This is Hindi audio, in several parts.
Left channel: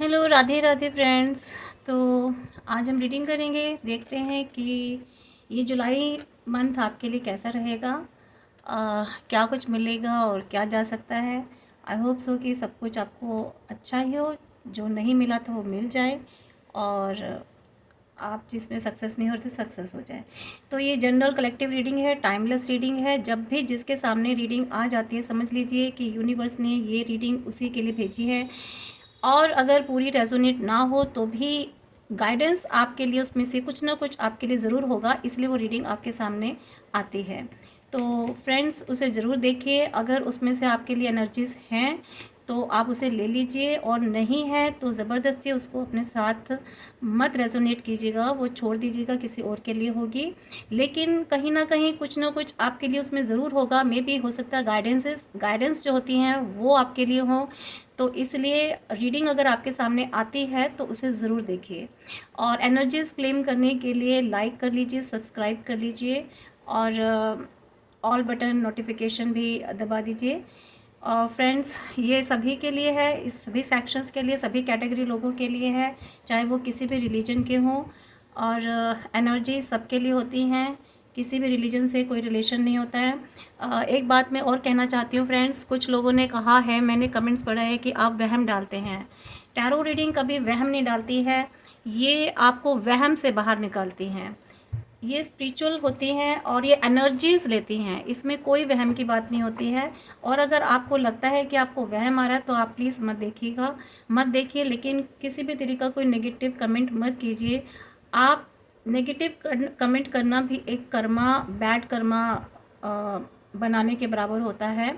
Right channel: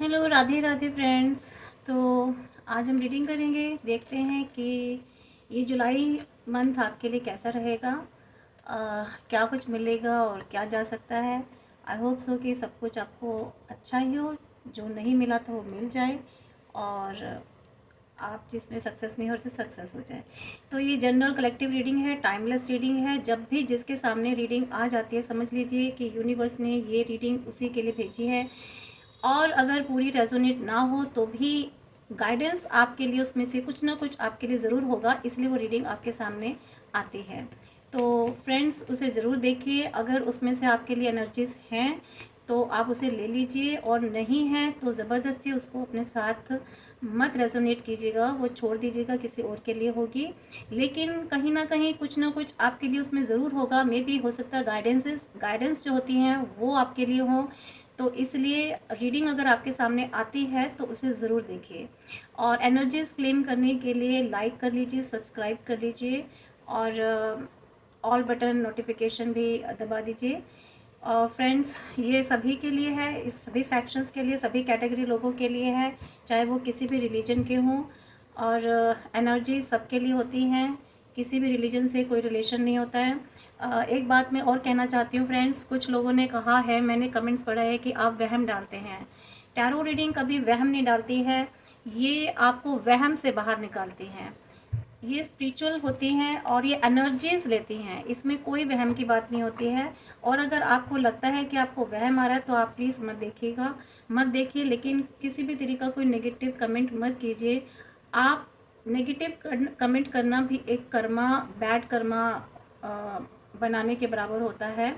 Hello, Radhe Radhe friends. तो आज हम रीडिंग करेंगे। देखते हैं कि ये जुलाई मंथ आपके लिए कैसा रहेगा। क्या कुछ मिलेगा और क्या जा सकता है। आई होप सो कि सब कुछ आपको अच्छा ही हो। जो नहीं मिला तो वो मिल जाए, और आप जिसमें सक्सेस नहीं हो तो सक्सेस हो जाए। तो ये जनरल कलेक्टिव रीडिंग है, टाइमलेस रीडिंग है। जब भी जिसके सामने रीडिंग आ जाती है, समझ लीजिए कि यूनिवर्स ने ये रीडिंग उसी के लिए भेजी है। और अगर पूरी रेजोनेट ना हो तो भी गाइडेंस आपके लिए उसमें से कुछ ना कुछ आपके लिए ज़रूर होगा, इसलिए वो रीडिंग आपके सामने आती है। तो फ्रेंड्स, उसे ज़रूर देखिए। अगर उसमें से आपके लिए एनर्जीज़ हैं तो आप उसे ले लीजिए, और नहीं है तो ज़बरदस्ती उसको अपने साथ मत रेजोनेट कीजिएगा, वो छोड़ दीजिएगा, किसी और के लिए होगी। लेकिन कहीं ना कहीं कुछ ना कुछ आपके लिए उसमें ज़रूर होगा। मे भी हो सकता है गाइडेंस जो होती हैं वो आपके लिए हों। तो इसलिए रीडिंग अगर आपके सामने आती है तो उसे ज़रूर देखिए। और एनर्जीज क्लेम करने के लिए लाइक कर लीजिए, सब्सक्राइब कर लीजिए, और ऑल बटन नोटिफिकेशन भी दबा दीजिए। और फ्रेंड्स, ये सभी के लिए है, इस सभी सेक्शंस के लिए, सभी कैटेगरी लोगों के लिए है, चाहे वो किसी भी रिलीजन के हों। और एनर्जी सबके लिए होती हैं, किसी भी रिलीजन से कोई रिलेशन नहीं होता है। एक बात मैं और कहना चाहती हूँ फ्रेंड्स, कुछ लोगों ने कहा है, मैंने कमेंट्स पढ़ा है कि आप वहम डालते हैं। टैरो रीडिंग कभी वहम नहीं डालती है, ये आपको वहम से बाहर निकालती हैं। ये स्पिरिचुअल होती हैं और ये एनर्जीज लेती हैं, इसमें कोई वहम की बात नहीं होती है। और अगर आपको लगता है कि आपको वहम आ रहा है तो आप प्लीज़ मत देखिएगा, मत देखिए। लेकिन किसी भी तरीके का कोई नेगेटिव कमेंट मत कीजिए। आप नेगेटिव कमेंट करना भी एक कर्मा, बैड कर्मा बनाने के बराबर होता है।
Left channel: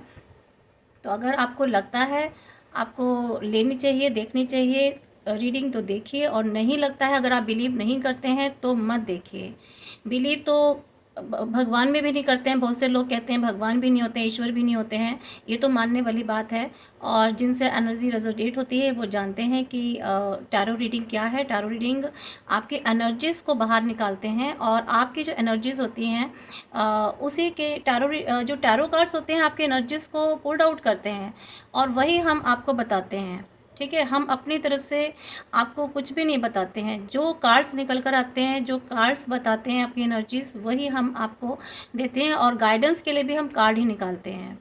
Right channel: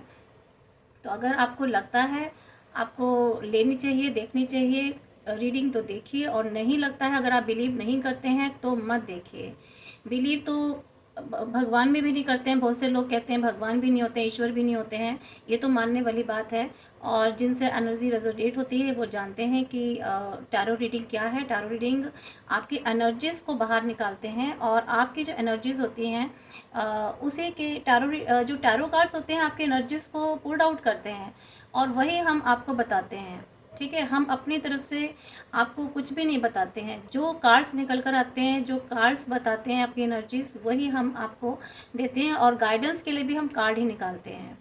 तो अगर आपको लगता है आपको लेनी चाहिए, देखनी चाहिए रीडिंग, तो देखिए। और नहीं लगता है, अगर आप बिलीव नहीं करते हैं तो मत देखिए। बिलीव तो भगवान में भी नहीं करते हैं। बहुत से लोग कहते हैं भगवान भी नहीं होते, ईश्वर भी नहीं होते हैं। ये तो मानने वाली बात है। और जिनसे एनर्जी रेजोनेट होती है वो जानते हैं कि टैरो रीडिंग क्या है। टैरो रीडिंग आपकी एनर्जीज़ को बाहर निकालते हैं, और आपकी जो एनर्जीज़ होती हैं उसी के जो टैरो कार्ड्स होते हैं आपकी एनर्जीज़ को पुल्ड आउट करते हैं, और वही हम आपको बताते हैं। ठीक है, हम अपनी तरफ से आपको कुछ भी नहीं बताते हैं। जो कार्ड्स निकल कर आते हैं, जो कार्ड्स बताते हैं आपकी एनर्जीज, वही हम आपको देते हैं। और गाइडेंस के लिए भी हम कार्ड ही निकालते हैं।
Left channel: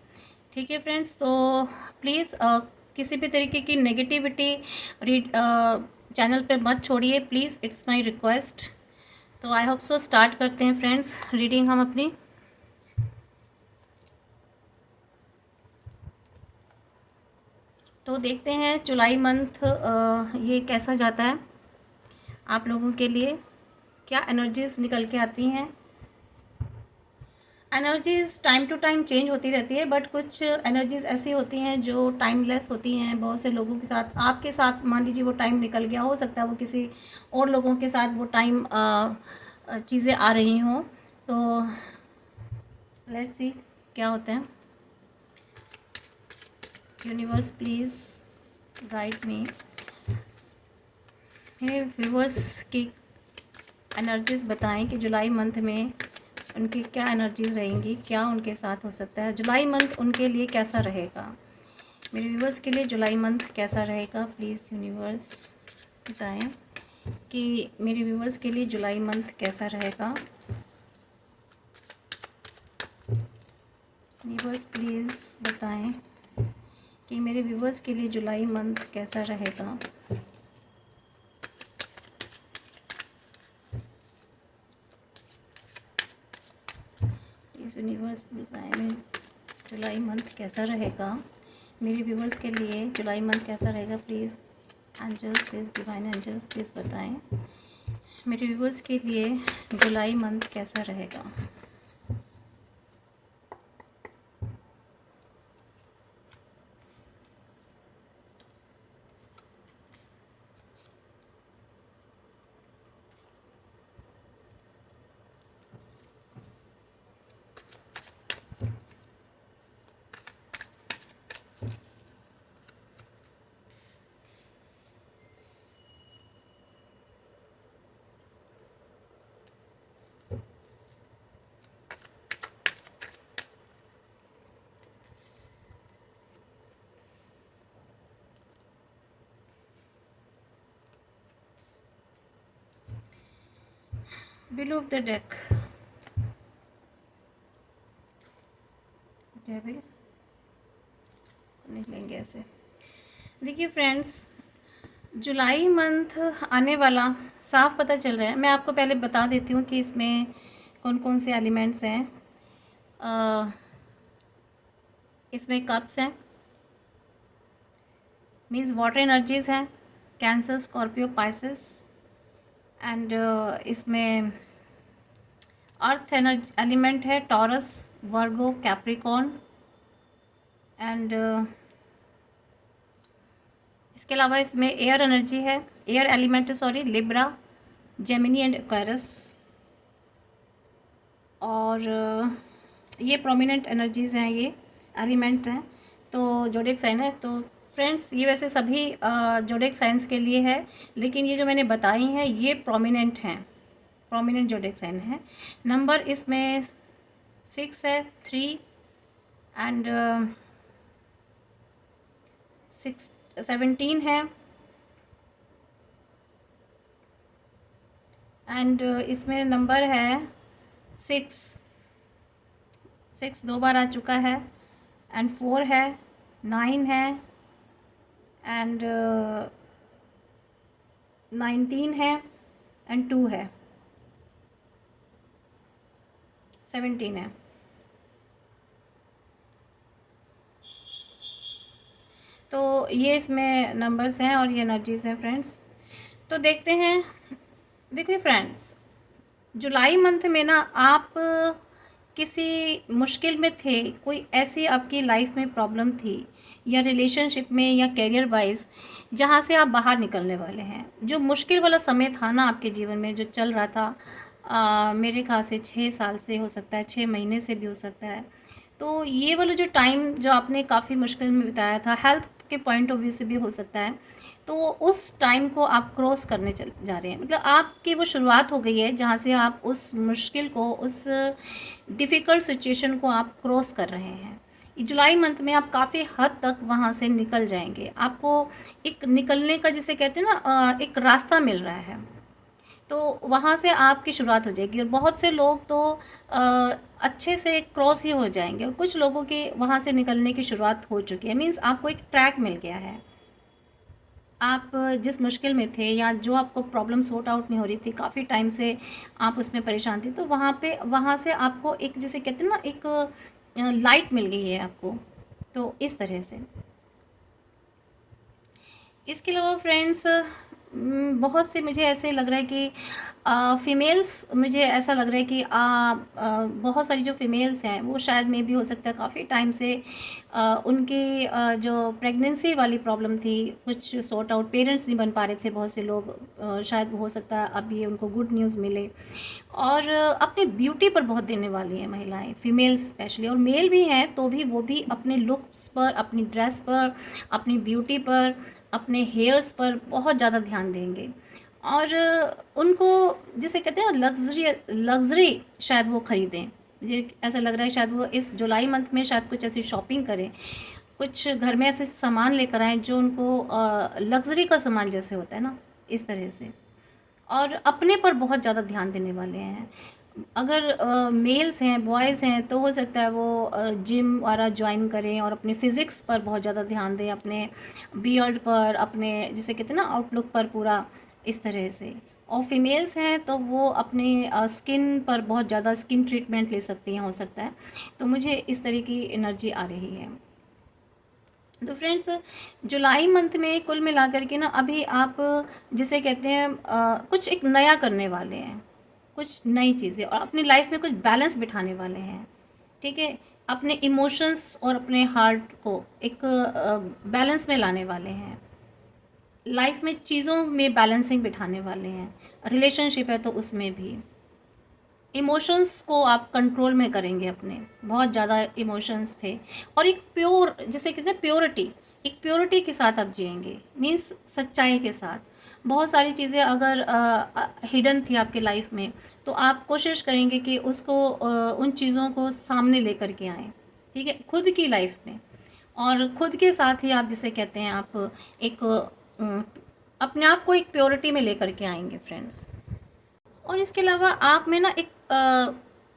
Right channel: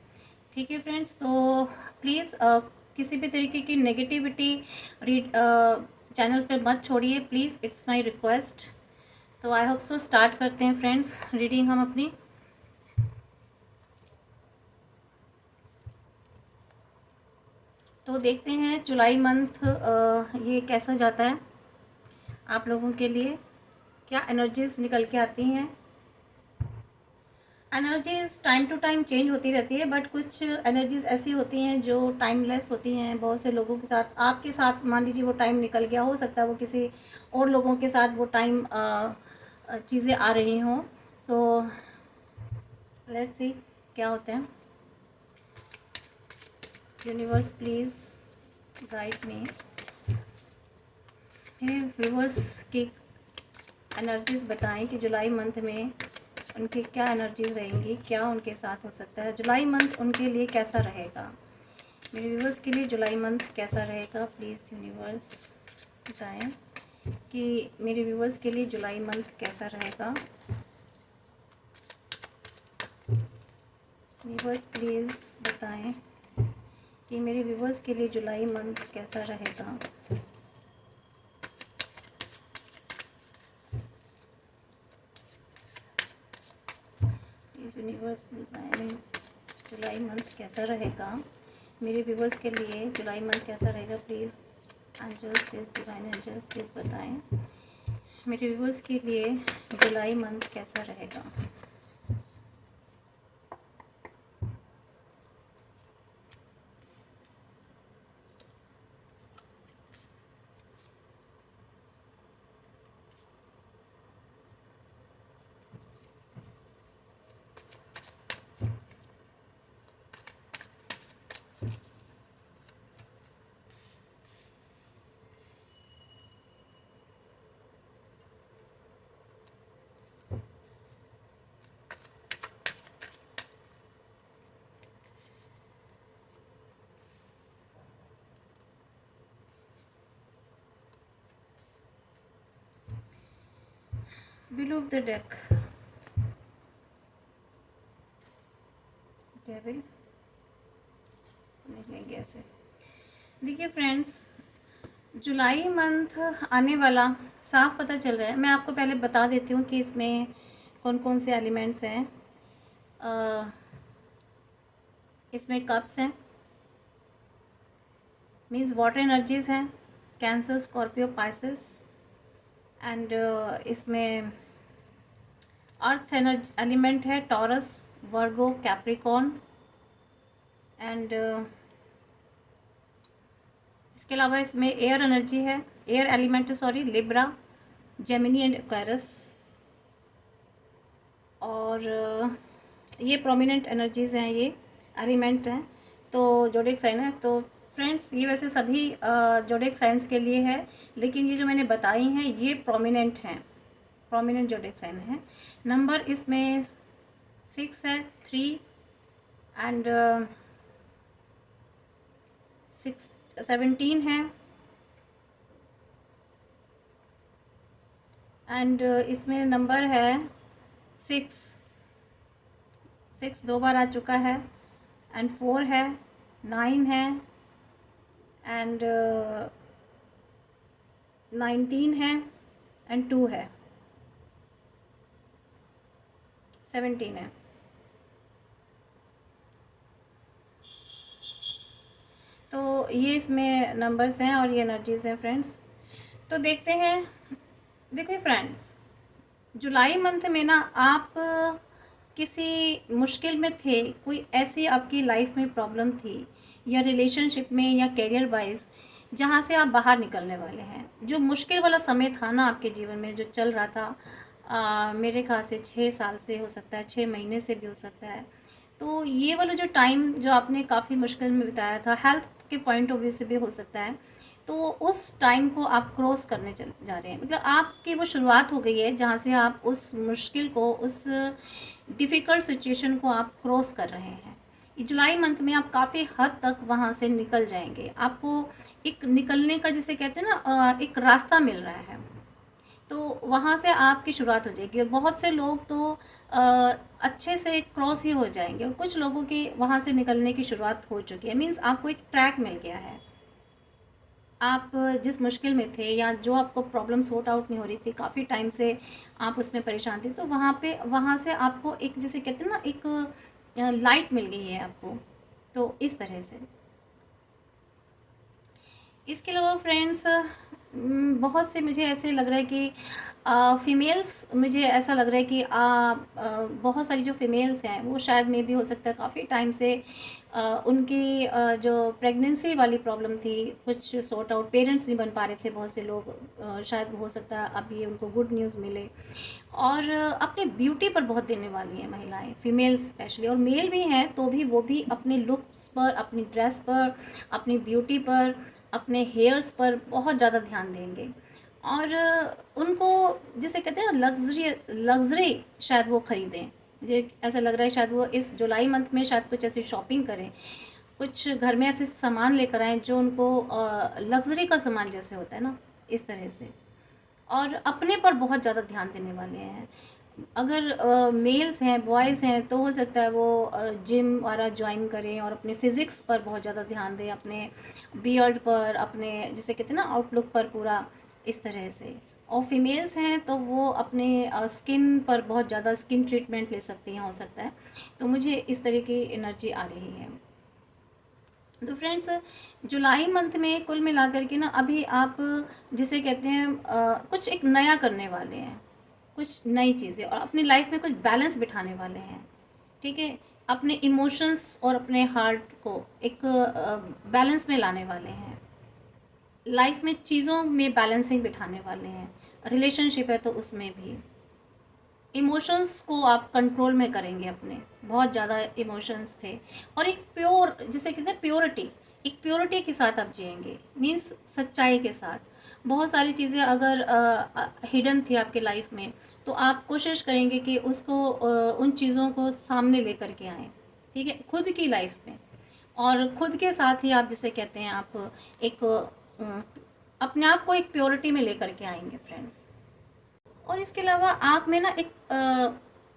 ठीक है फ्रेंड्स, तो प्लीज़ किसी भी तरीके की नेगेटिविटी रीड चैनल पर मत छोड़िए प्लीज़, इट्स माय रिक्वेस्ट। तो आई होप सो स्टार्ट करते हैं फ्रेंड्स रीडिंग हम अपनी। तो देखते हैं जुलाई मंथ ये कैसा जाता है आप लोगों के लिए, क्या एनर्जीज निकल के आती हैं। Energies time to time change होती रहती है, बट कुछ एनर्जीज ऐसी होती हैं जो टाइमलेस होती हैं। बहुत से लोगों के साथ, आपके साथ मान लीजिए वो टाइम निकल गया, हो सकता है वो किसी और लोगों के साथ वो टाइम चीज़ें आ रही हों। तो लेट्स सी क्या होता है। Universe please guide me. मेरे व्यूवर्स की एनर्जीज बताएं कि जुलाई मंथ में उनकी क्या एनर्जीज रहेंगी, क्या उनके साथ हो सकता है, जुलाई मंथ उनके लिए कैसा रहेगा। मेरे व्यूवर्स के लिए जुलाई मंथ कैसा रहेगा, प्लीज़ यूनिवर्स बताएं कि मेरे व्यूवर्स के लिए जुलाई मंथ कैसा रहेगा। यूनिवर्स प्लीज़ बताएं कि मेरे व्यूवर्स के लिए जुलाई मंथ कैसा रहेगा। प्लीज़ यूनिवर्स बताएं जुलाई मंथ कैसा रहेगा। मेरे व्यूवर्स के लिए जुलाई मंथ कैसा रहेगा, please angels, please divine angels please बताएं मेरे व्यूवर्स के लिए जुलाई मंथ कैसा रहेगा। Below of the deck, devil निकलेंगे ऐसे। देखिए फ्रेंड्स, जुलाई मंथ आने वाला साफ पता चल रहा है। मैं आपको पहले बता देती हूँ कि इसमें कौन कौन से एलिमेंट्स हैं। इसमें कप्स हैं, मीन्स वाटर एनर्जीज हैं, कैंसर, स्कॉर्पियो, पाइसेस। एंड इसमें अर्थ एनर्जी एलिमेंट है, टॉरस, वर्गो, कैप्रिकॉर्न। एंड इसके अलावा इसमें एयर एनर्जी है, air element sorry, Libra, Gemini and Aquarius. और ये प्रोमिनेंट एनर्जीज हैं, ये एलिमेंट्स हैं। तो जोडिक साइन है। तो फ्रेंड्स, ये वैसे सभी जोडिक साइंस के लिए है, लेकिन ये जो मैंने बताई हैं ये प्रोमिनेंट हैं, प्रोमिनेंट जोडिक साइन है। नंबर इसमें 6 है, 3 एंड 17 है। एंड इसमें नंबर है 6 दो बार आ चुका है। एंड 4 है, 9 है, एंड 19 है, एंड 2 है, 17 है। तो ये इसमें नंबर्स हैं और ये एनर्जीज़ हैं फ्रेंड्स। तो देखते हैं। देखिए फ्रेंड्स, जुलाई मंथ में ना आप किसी मुश्किल में थे, कोई ऐसी आपकी लाइफ में प्रॉब्लम थी या रिलेशनशिप में या करियर वाइज, जहाँ से आप बाहर निकलने वाले हैं। जो मुश्किल वाला समय था ना आपके जीवन में जो चल रहा था, मेरे ख्याल से 6 साल से हो सकता है, 6 महीने से भी हो सकता है। तो ये वाला जो टाइम जो आपने काफ़ी मुश्किल में बिताया था, हेल्थ के पॉइंट ऑफ व्यू से भी हो सकता है, तो उस टाइम को आप क्रॉस करने चल जा रहे हैं। मतलब आपकी वो शुरुआत हो गई है जहाँ से आप उस मुश्किल को, उस डिफ़िकल्ट सिचुएशन को आप क्रॉस कर रहे हैं। जुलाई मंथ में आप काफ़ी हद तक वहाँ से निकल जाएंगे। आपको एक निकलने का, जिसे कहते हैं ना, एक रास्ता मिल रहा है। तो वहाँ से आपकी शुरुआत हो जाएगी। और बहुत से लोग तो अच्छे से क्रॉस ही हो जाएंगे, और कुछ लोगों के वहाँ से निकलने की शुरुआत हो चुकी है। मीन्स आपको एक ट्रैक मिल गया है। आप जिस मुश्किल में थे या जो आपको प्रॉब्लम सॉर्ट आउट नहीं हो रही थी, काफ़ी टाइम से आप उसमें परेशान थे, तो वहाँ से आपको एक, जिसे कहते हैं ना, एक लाइट मिल गई है आपको। तो इस तरह से। इसके अलावा फ्रेंड्स, बहुत से मुझे ऐसे लग रहा है कि फीमेल्स, मुझे ऐसा लग रहा है कि बहुत सारी जो फीमेल्स हैं वो शायद में भी हो सकता है काफ़ी टाइम से उनकी जो प्रेगनेंसी वाली प्रॉब्लम थी, कुछ सॉर्ट आउट, पेरेंट्स नहीं बन पा रहे थे बहुत से लोग, शायद हो सकता है अब ये उनको गुड न्यूज़ मिले। और अपनी ब्यूटी पर बहुत देने वाली हैं महिलाएं, फीमेल्स स्पेशली, और मेल भी हैं तो भी वो भी अपने लुक्स पर, अपनी ड्रेस पर, अपनी ब्यूटी पर, अपने हेयर्स पर बहुत ज़्यादा ध्यान देंगे। और उनको, जिसे कहते हैं ना, लग्जरी शायद वो ख़रीदें। मुझे ऐसा लग रहा है शायद वो इस जुलाई मंथ में शायद कुछ ऐसी शॉपिंग करें, कुछ घर में ऐसे सामान लेकर आएँ जो उनको लग्जरी का सामान जैसे होता है ना, इस तरह से। और अपने पर बहुत ज़्यादा ध्यान देने वाले हैं। अगर मेल्स हैं, बॉयज़ हैं, तो हो सकता है वो जिम वगैरह ज्वाइन करें और अपने फिज़िक्स पर बहुत ज़्यादा ध्यान दें, अपने बियर्ड पर, अपने जिसे कहते हैं ना आउटलुक पर, पूरा इस तरह से। और फीमेल्स हैं तो वो अपने स्किन पर बहुत ज़्यादा स्किन ट्रीटमेंट ले सकती हैं, हो सकता है। तो मुझे इस तरह की एनर्जी आ रही है। तो फ्रेंड्स, जुलाई मंथ में कुल मिलाकर के ना, अभी आप जिसे कहते हैं कुछ एक नया करने वाले हैं, कुछ नई चीज़ें, और अपनी लाइफ में कुछ बैलेंस बिठाने वाले हैं। ठीक है, अपने इमोशंस और अपने हार्ट को एक बैलेंस में लाने वाले हैं। लाइफ में चीज़ों में बैलेंसिंग बिठाने वाले हैं। रिलेशनशिप है तो उसमें भी इमोशंस को आप कंट्रोल में करेंगे अपने। बहुत ज़्यादा इमोशंस थे, और एक प्योर, जिसे कहते हैं प्योरिटी, एक प्योरिटी के साथ आप जिएंगे, मीन्स सच्चाई के साथ। बहुत सारी चीज़ें अगर हिडन थी आपके लाइफ में, तो आप कोशिश करेंगे कि उसको उन चीज़ों को सामने लेकर के आएँ। ठीक है, खुद की लाइफ में, और खुद के साथ ही आप, जिसे कहते हैं, आप एक अपने आप को एक प्योरिटी में लेकर के आएंगे फ्रेंड्स। और इसके अलावा आप में ना एक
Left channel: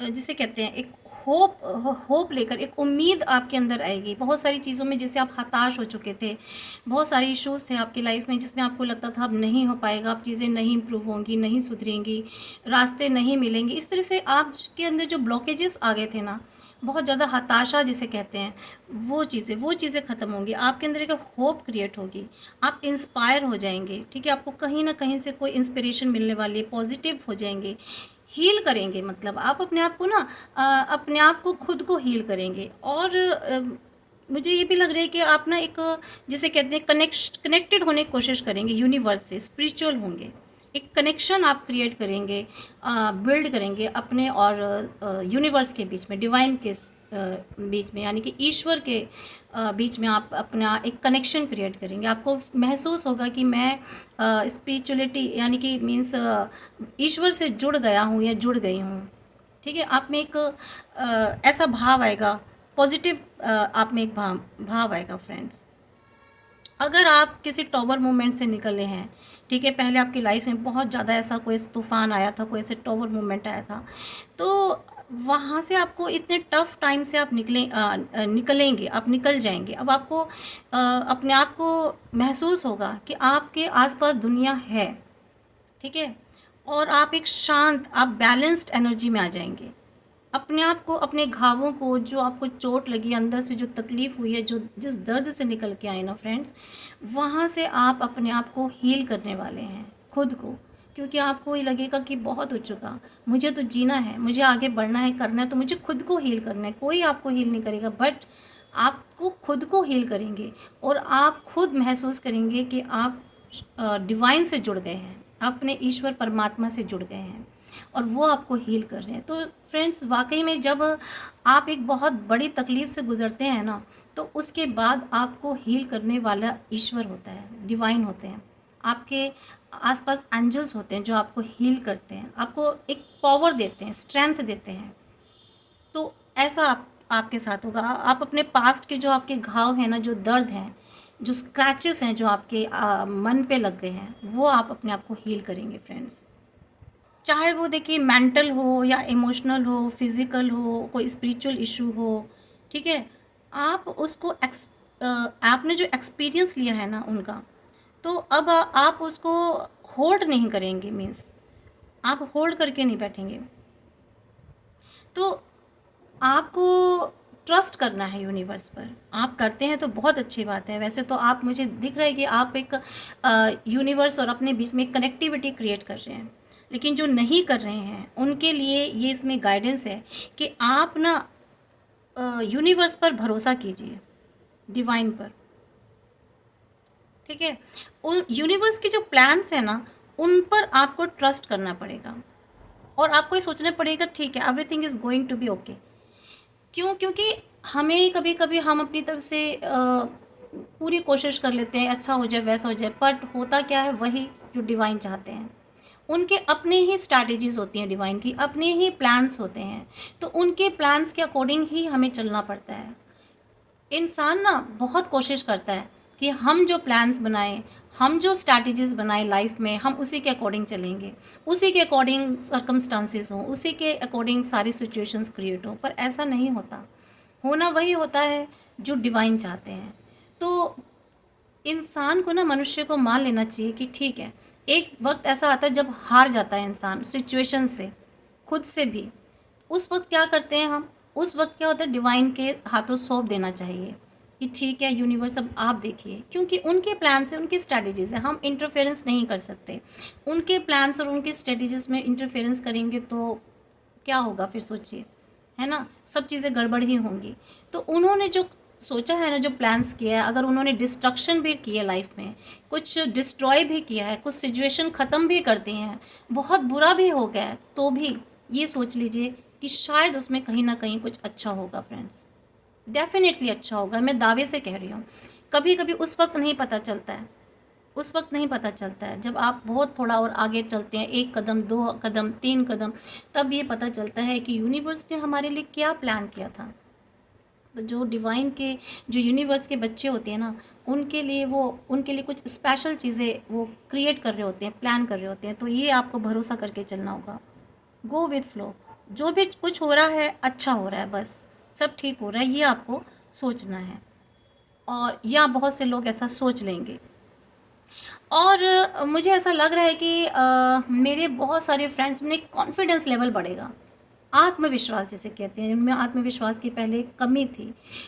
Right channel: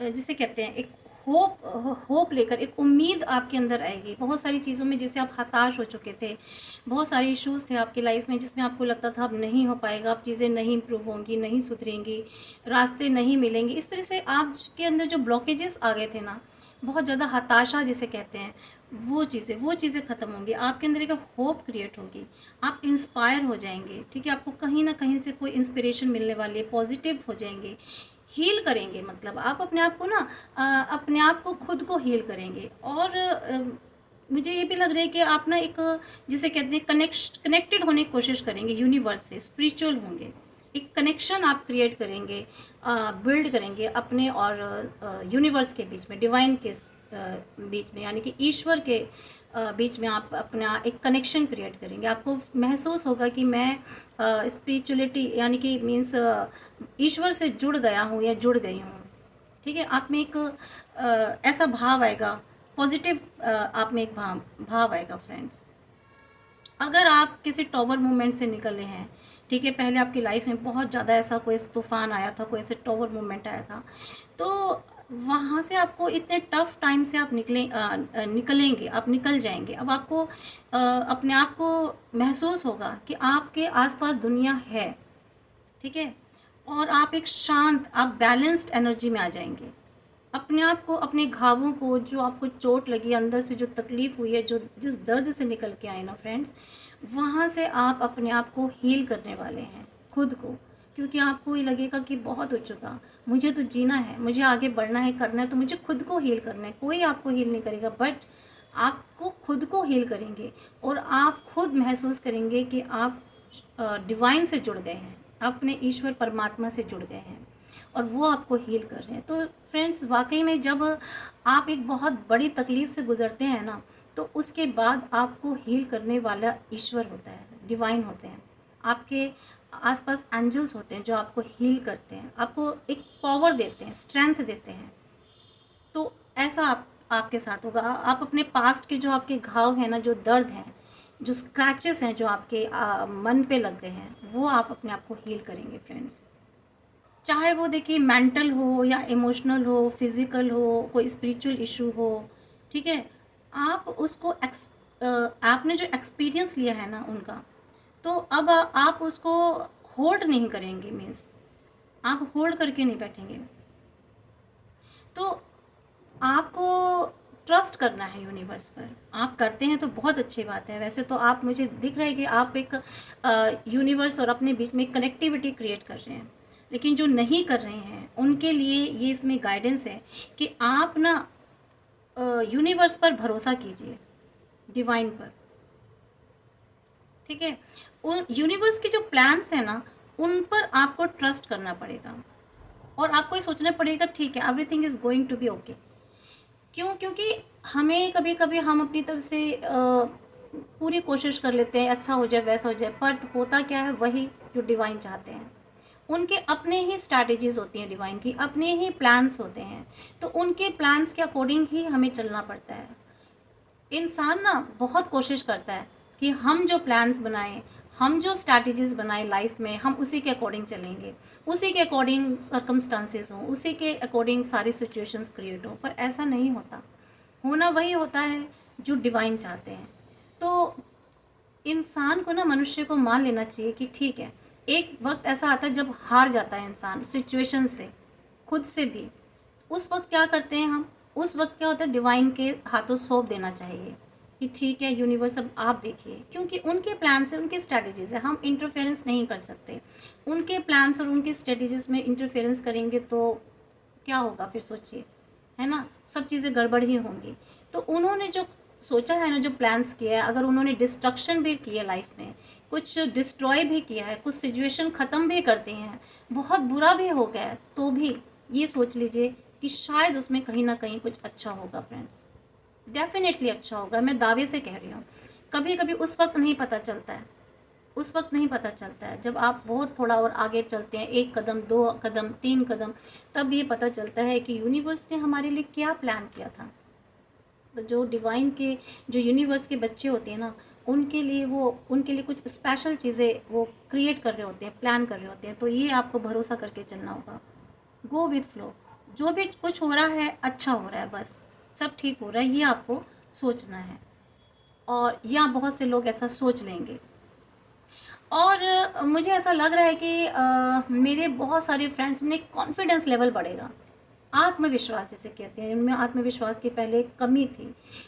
जिसे कहते हैं एक होप लेकर, एक उम्मीद आपके अंदर आएगी। बहुत सारी चीज़ों में जैसे आप हताश हो चुके थे, बहुत सारे इश्यूज़ थे आपकी लाइफ में जिसमें आपको लगता था अब नहीं हो पाएगा, अब चीज़ें नहीं इम्प्रूव होंगी, नहीं सुधरेंगी, रास्ते नहीं मिलेंगे, इस तरह से आपके अंदर जो ब्लॉकेजेस आ गए थे ना, बहुत ज़्यादा हताशा जिसे कहते हैं, वो चीज़ें ख़त्म होंगी। आपके अंदर एक होप क्रिएट होगी, आप इंस्पायर हो जाएंगे। ठीक है, आपको कहीं ना कहीं से कोई इंस्पिरेशन मिलने वाली है, पॉजिटिव हो जाएंगे, हील करेंगे। मतलब आप अपने आप को ना अपने आप को खुद को हील करेंगे। और मुझे ये भी लग रहा है कि आप ना एक जिसे कहते हैं कनेक्टेड होने की कोशिश करेंगे यूनिवर्स से, स्पिरिचुअल होंगे, एक कनेक्शन आप क्रिएट करेंगे, बिल्ड करेंगे अपने और यूनिवर्स के बीच में, डिवाइन के बीच में, यानी कि ईश्वर के बीच में आप अपना एक कनेक्शन क्रिएट करेंगे। आपको महसूस होगा कि मैं स्पिरिचुअलिटी यानी कि मीन्स ईश्वर से जुड़ गया हूँ या जुड़ गई हूँ। ठीक है, आप में एक ऐसा भाव आएगा, पॉजिटिव आप में एक भाव आएगा फ्रेंड्स। अगर आप किसी टॉवर मूवमेंट से निकले हैं, ठीक है, पहले आपकी लाइफ में बहुत ज़्यादा ऐसा कोई तूफान आया था, कोई ऐसे टॉवर मूवमेंट आया था, तो वहाँ से आपको इतने टफ टाइम से आप निकलेंगे, आप निकल जाएंगे। अब आपको अपने आप को महसूस होगा कि आपके आसपास दुनिया है। ठीक है, और आप एक शांत, आप बैलेंस्ड एनर्जी में आ जाएंगे। अपने आप को, अपने घावों को, जो आपको चोट लगी अंदर से, जो तकलीफ हुई है, जो जिस दर्द से निकल के आए ना फ्रेंड्स, वहाँ से आप अपने आप को हील करने वाले हैं, खुद को। क्योंकि आपको ये लगेगा कि बहुत हो चुका, मुझे तो जीना है, मुझे आगे बढ़ना है, करना है, तो मुझे खुद को हील करना है। कोई आपको हील नहीं करेगा, बट आपको खुद को हील करेंगे। और आप खुद महसूस करेंगे कि आप डिवाइन से जुड़ गए हैं, अपने ईश्वर परमात्मा से जुड़ गए हैं, और वो आपको हील कर रहे हैं। तो फ्रेंड्स, वाकई में जब आप एक बहुत बड़ी तकलीफ़ से गुज़रते हैं ना, तो उसके बाद आपको हील करने वाला ईश्वर होता है, डिवाइन होते हैं। आपके आसपास एंजल्स होते हैं जो आपको हील करते हैं, आपको एक पावर देते हैं, स्ट्रेंथ देते हैं। तो ऐसा आपके साथ होगा। आप अपने पास्ट के जो आपके घाव हैं ना, जो दर्द हैं, जो स्क्रैचेस हैं, जो आपके मन पे लग गए हैं, वो आप अपने आप को हील करेंगे फ्रेंड्स। चाहे वो देखिए मेंटल हो या इमोशनल हो, फिजिकल हो, कोई स्पिरिचुअल इशू हो। ठीक है, आप उसको आपने जो एक्सपीरियंस लिया है ना उनका, तो अब आप उसको होल्ड नहीं करेंगे, मीन्स आप होल्ड करके नहीं बैठेंगे। तो आपको ट्रस्ट करना है यूनिवर्स पर। आप करते हैं तो बहुत अच्छी बात है। वैसे तो आप, मुझे दिख रहा है कि आप एक यूनिवर्स और अपने बीच में कनेक्टिविटी क्रिएट कर रहे हैं। लेकिन जो नहीं कर रहे हैं उनके लिए ये इसमें गाइडेंस है कि आप ना यूनिवर्स पर भरोसा कीजिए, डिवाइन पर। ठीक है, उन यूनिवर्स के जो प्लान्स हैं ना, उन पर आपको ट्रस्ट करना पड़ेगा। और आपको ये सोचना पड़ेगा, ठीक है, everything is going to be okay. क्यों? क्योंकि हमें कभी कभी हम अपनी तरफ से पूरी कोशिश कर लेते हैं, अच्छा हो जाए, वैसा हो जाए, बट होता क्या है, वही जो डिवाइन चाहते हैं। उनके अपने ही स्ट्रैटेजीज होती हैं, डिवाइन की अपने ही प्लान्स होते हैं। तो उनके प्लान्स के अकॉर्डिंग ही हमें चलना पड़ता है। इंसान ना बहुत कोशिश करता है कि हम जो प्लान्स बनाएं, हम जो स्ट्रैटेजीज बनाएं लाइफ में, हम उसी के अकॉर्डिंग चलेंगे, उसी के अकॉर्डिंग सर्कमस्टांसेस हों, उसी के अकॉर्डिंग सारी सिचुएशंस क्रिएट हों। पर ऐसा नहीं होता। होना वही होता है जो डिवाइन चाहते हैं। तो इंसान को ना, मनुष्य को मान लेना चाहिए कि ठीक है, एक वक्त ऐसा आता है जब हार जाता है इंसान सिचुएशन से, खुद से भी। उस वक्त क्या करते हैं हम? उस वक्त क्या होता है, डिवाइन के हाथों सौंप देना चाहिए कि ठीक है यूनिवर्स, अब आप देखिए। क्योंकि उनके प्लान से, उनकी स्ट्रैटेजीज है, हम इंटरफेरेंस नहीं कर सकते। उनके प्लान्स और उनकी स्ट्रैटेजीज में इंटरफेरेंस करेंगे तो क्या होगा फिर, सोचिए, है ना, सब चीज़ें गड़बड़ ही होंगी। तो उन्होंने जो सोचा है ना, जो प्लान्स किया है, अगर उन्होंने डिस्ट्रक्शन भी किया लाइफ में, कुछ डिस्ट्रॉय भी किया है, कुछ सिचुएशन ख़त्म भी कर दी हैं, बहुत बुरा भी हो गया है, तो भी ये सोच लीजिए कि शायद उसमें कहीं ना कहीं कुछ अच्छा होगा फ्रेंड्स। डेफिनेटली अच्छा होगा, मैं दावे से कह रही हूँ। कभी कभी उस वक्त नहीं पता चलता है, उस वक्त नहीं पता चलता है। जब आप बहुत थोड़ा और आगे चलते हैं, 1 कदम, 2 कदम, 3 कदम, तब ये पता चलता है कि यूनिवर्स ने हमारे लिए क्या प्लान किया था। तो जो डिवाइन के, जो यूनिवर्स के बच्चे होते हैं ना, उनके लिए कुछ स्पेशल चीज़ें वो क्रिएट कर रहे होते हैं, प्लान कर रहे होते हैं। तो ये आपको भरोसा करके चलना होगा। गो विथ फ्लो, जो भी कुछ हो रहा है अच्छा हो रहा है, बस सब ठीक हो रहा है, ये आपको सोचना है। और या बहुत से लोग ऐसा सोच लेंगे। और मुझे ऐसा लग रहा है कि मेरे बहुत सारे फ्रेंड्स में कॉन्फिडेंस लेवल बढ़ेगा। आत्मविश्वास जिसे कहते हैं, उनमें आत्मविश्वास की पहले कमी थी।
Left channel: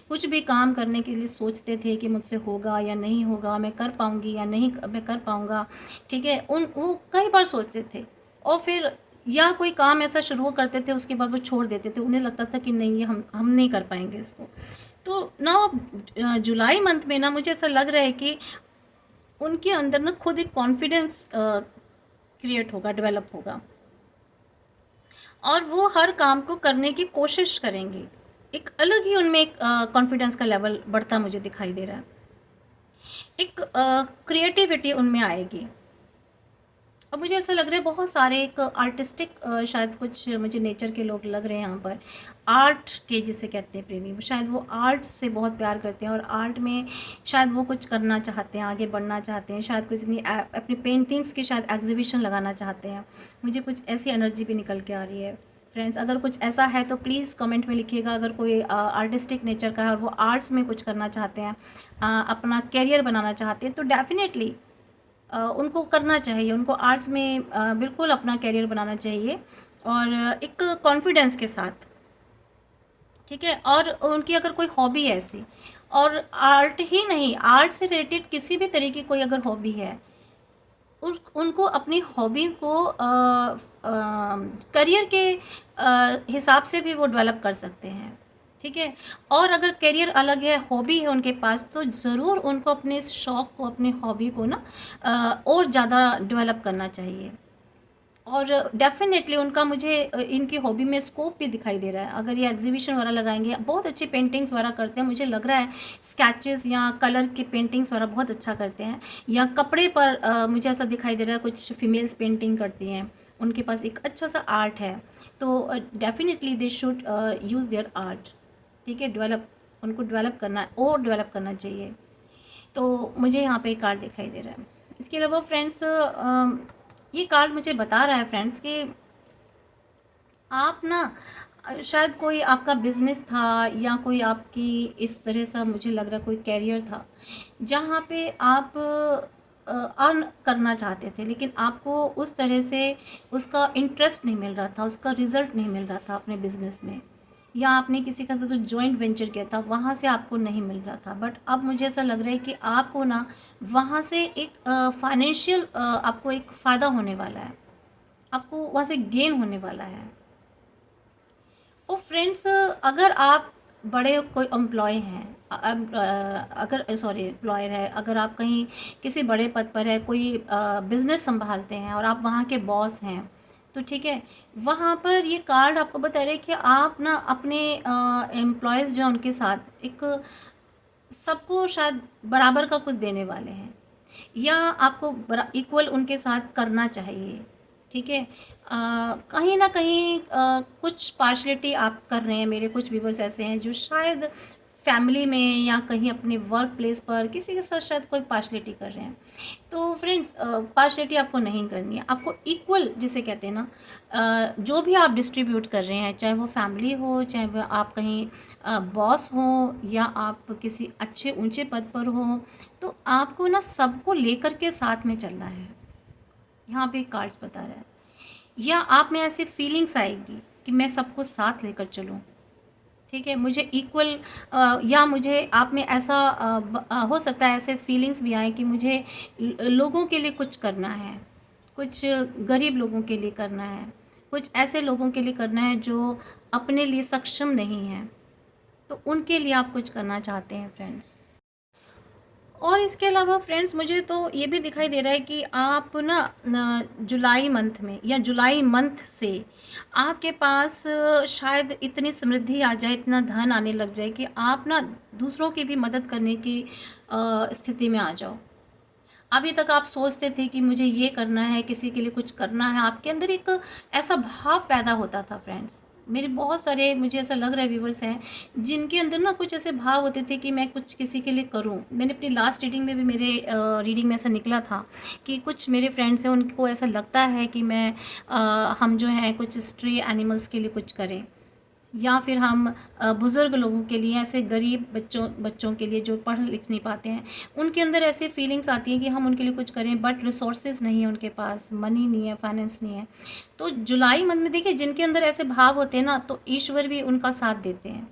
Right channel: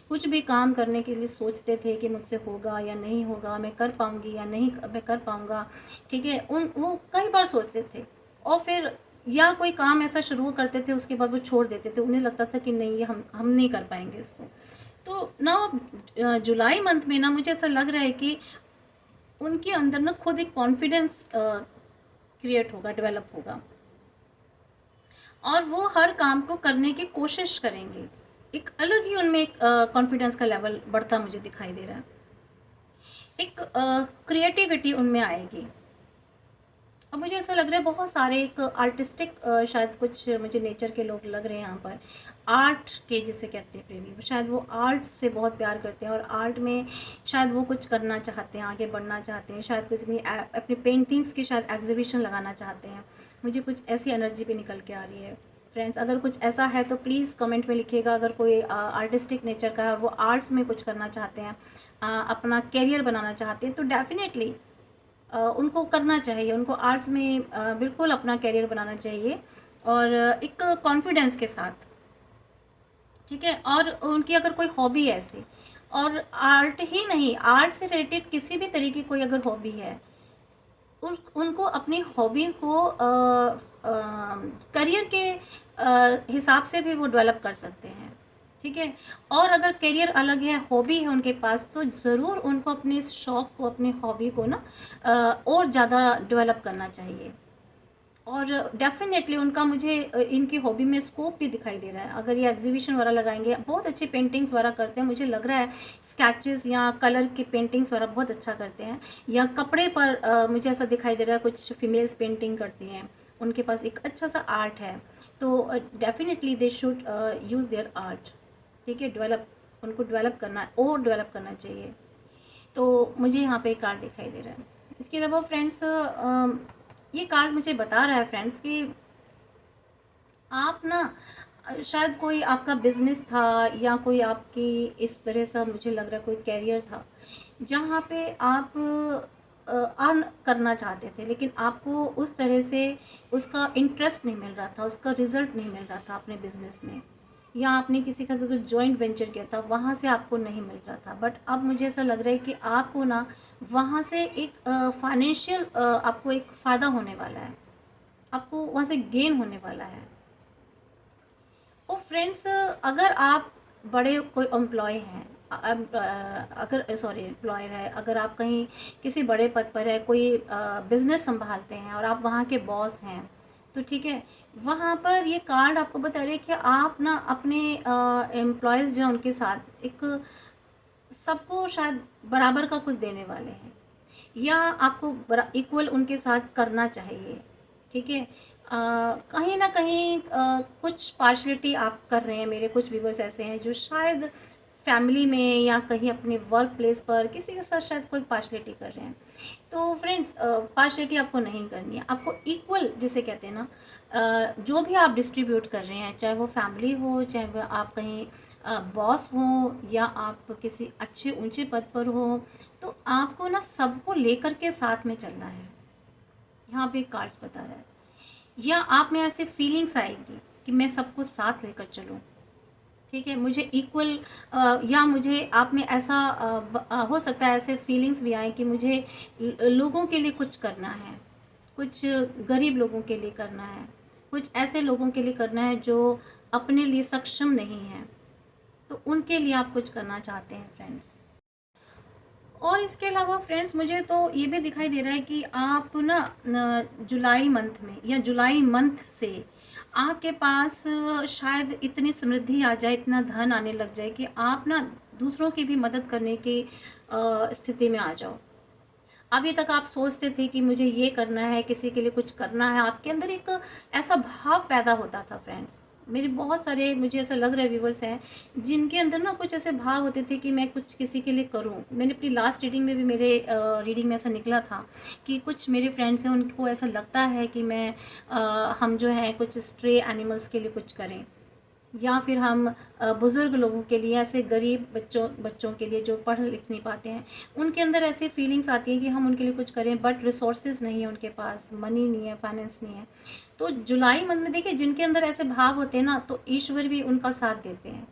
कुछ भी काम करने के लिए सोचते थे कि मुझसे होगा या नहीं होगा, मैं कर पाऊंगी या नहीं मैं कर पाऊंगा, ठीक है। वो कई बार सोचते थे और फिर या कोई काम ऐसा शुरू करते थे, उसके बाद वो छोड़ देते थे। उन्हें लगता था कि नहीं, ये हम नहीं कर पाएंगे इसको। तो ना जुलाई मंथ में ना मुझे ऐसा लग रहा है कि उनके अंदर ना खुद एक कॉन्फिडेंस क्रिएट होगा, डेवलप होगा, और वो हर काम को करने की कोशिश करेंगे। एक अलग ही उनमें एक कॉन्फिडेंस का लेवल बढ़ता मुझे दिखाई दे रहा है। एक क्रिएटिविटी उनमें आएगी। अब मुझे ऐसा लग रहा है बहुत सारे एक आर्टिस्टिक, शायद कुछ मुझे नेचर के लोग लग रहे हैं यहाँ पर, आर्ट के जिसे कहते हैं प्रेमी, शायद वो आर्ट से बहुत प्यार करते हैं और आर्ट में शायद वो कुछ करना चाहते हैं, आगे बढ़ना चाहते हैं, शायद कुछ अपनी पेंटिंग्स की शायद एग्जीबिशन लगाना चाहते हैं। मुझे कुछ ऐसी एनर्जी भी निकल के आ रही है फ्रेंड्स। अगर कुछ ऐसा है तो प्लीज़ कमेंट में लिखिएगा। अगर कोई आर्टिस्टिक नेचर का है और वो आर्ट्स में कुछ करना चाहते हैं, अपना करियर बनाना चाहते हैं, तो डेफिनेटली उनको करना चाहिए। उनको आर्ट्स में बिल्कुल अपना करियर बनाना चाहिए, और एक कॉन्फिडेंस के साथ, ठीक है। और उनकी अगर कोई हॉबी है ऐसी, और आर्ट ही नहीं, आर्ट से रिलेटेड किसी भी तरीके की कोई अगर हॉबी है, उनको अपनी हॉबी को करियर के हिसाब से भी वो डेवलप कर सकते हैं, ठीक है। और अगर करियर अलग है, हॉबी है उनके पास, तो ज़रूर उनको अपने इस शौक़ को, अपनी हॉबी को ना और ज़्यादा डेवलप करना चाहिए। और डेफिनेटली उनका मुझे इनकी हॉबी में स्कोप भी दिखाई दे रहा है। अगर ये एग्जीबिशन वगैरह लगाएंगे, बहुत अच्छी पेंटिंग्स वगैरह करते हैं, मुझे लग रहा है स्केचेस या कलर की पेंटिंग्स वगैरह बहुत अच्छा करते हैं। या कपड़े पर मुझे ऐसा दिखाई दे रहा है कुछ फीमेल्स पेंटिंग करती हैं, उनके पास एक अच्छा सा आर्ट है। तो definitely they should use their art, ठीक है। डेवलप, उनको डेवलप करना और डेवलप करना चाहिए। तो मुझे यहाँ पे एक कार्ड दिखाई दे रहा है। इसके अलावा फ्रेंड्स, ये कार्ड मुझे बता रहा है फ्रेंड्स कि आप ना शायद कोई आपका बिजनेस था, या कोई आपकी इस तरह सा मुझे लग रहा है कोई कैरियर था जहाँ पे आप अर्न करना चाहते थे, लेकिन आपको उस तरह से उसका इंटरेस्ट नहीं मिल रहा था, उसका रिजल्ट नहीं मिल रहा था अपने बिजनेस में, या आपने किसी का तो जॉइंट वेंचर किया था, वहाँ से आपको नहीं मिल रहा था। बट अब मुझे ऐसा लग रहा है कि आपको ना वहाँ से एक फाइनेंशियल आपको एक फ़ायदा होने वाला है, आपको वहाँ से गेन होने वाला है। और फ्रेंड्स, अगर आप बड़े कोई एम्प्लॉय हैं, अगर सॉरी एम्प्लॉयर है, अगर आप कहीं किसी बड़े पद पर है, कोई बिज़नेस संभालते हैं और आप वहाँ के बॉस हैं, तो ठीक है, वहाँ पर ये कार्ड आपको बता रहे हैं कि आप ना अपने एम्प्लॉयज़ जो हैं उनके साथ एक सबको शायद बराबर का कुछ देने वाले हैं, या आपको इक्वल उनके साथ करना चाहिए, ठीक है। कहीं ना कहीं कुछ पार्शलिटी आप कर रहे हैं। मेरे कुछ व्यूवर्स ऐसे हैं जो शायद फैमिली में या कहीं अपने वर्क प्लेस पर किसी के साथ शायद कोई पार्शलिटी कर रहे हैं। तो फ्रेंड्स, पार्शलिटी आपको नहीं करनी है, आपको इक्वल जिसे कहते हैं ना, जो भी आप डिस्ट्रीब्यूट कर रहे हैं, चाहे वो फैमिली हो, चाहे वो आप कहीं बॉस हो, या आप किसी अच्छे ऊंचे पद पर हो, तो आपको ना सबको लेकर के साथ में चलना है। यहाँ पे कार्ड्स बता रहा है। या आप में ऐसे फीलिंग्स आएगी कि मैं सबको साथ लेकर चलूँ, ठीक है, मुझे इक्वल, या मुझे आप में ऐसा हो सकता है ऐसे फीलिंग्स भी आए कि मुझे लोगों के लिए कुछ करना है, कुछ गरीब लोगों के लिए करना है, कुछ ऐसे लोगों के लिए करना है जो अपने लिए सक्षम नहीं हैं, तो उनके लिए आप कुछ करना चाहते हैं फ्रेंड्स। और इसके अलावा फ्रेंड्स, मुझे तो ये भी दिखाई दे रहा है कि आप ना जुलाई मंथ में या जुलाई मंथ से आपके पास शायद इतनी समृद्धि आ जाए, इतना धन आने लग जाए कि आप ना दूसरों की भी मदद करने की स्थिति में आ जाओ। अभी तक आप सोचते थे कि मुझे ये करना है, किसी के लिए कुछ करना है, आपके अंदर एक ऐसा भाव पैदा होता था फ्रेंड्स, मेरे बहुत सारे मुझे ऐसा लग रहा है व्यूवर्स हैं जिनके अंदर ना कुछ ऐसे भाव होते थे कि मैं कुछ किसी के लिए करूं। मैंने अपनी लास्ट रीडिंग में भी, मेरे रीडिंग में ऐसा निकला था कि कुछ मेरे फ्रेंड्स हैं, उनको ऐसा लगता है कि हम जो है कुछ स्ट्रे एनिमल्स के लिए कुछ करें, या फिर हम बुज़ुर्ग लोगों के लिए, ऐसे गरीब बच्चों बच्चों के लिए जो पढ़ लिख नहीं पाते हैं, उनके अंदर ऐसे फीलिंग्स आती हैं कि हम उनके लिए कुछ करें, बट रिसोर्सेज नहीं है उनके पास, मनी नहीं है, फाइनेंस नहीं है। तो जुलाई मंथ में देखिए, जिनके अंदर ऐसे भाव होते हैं ना, तो ईश्वर भी उनका साथ देते हैं।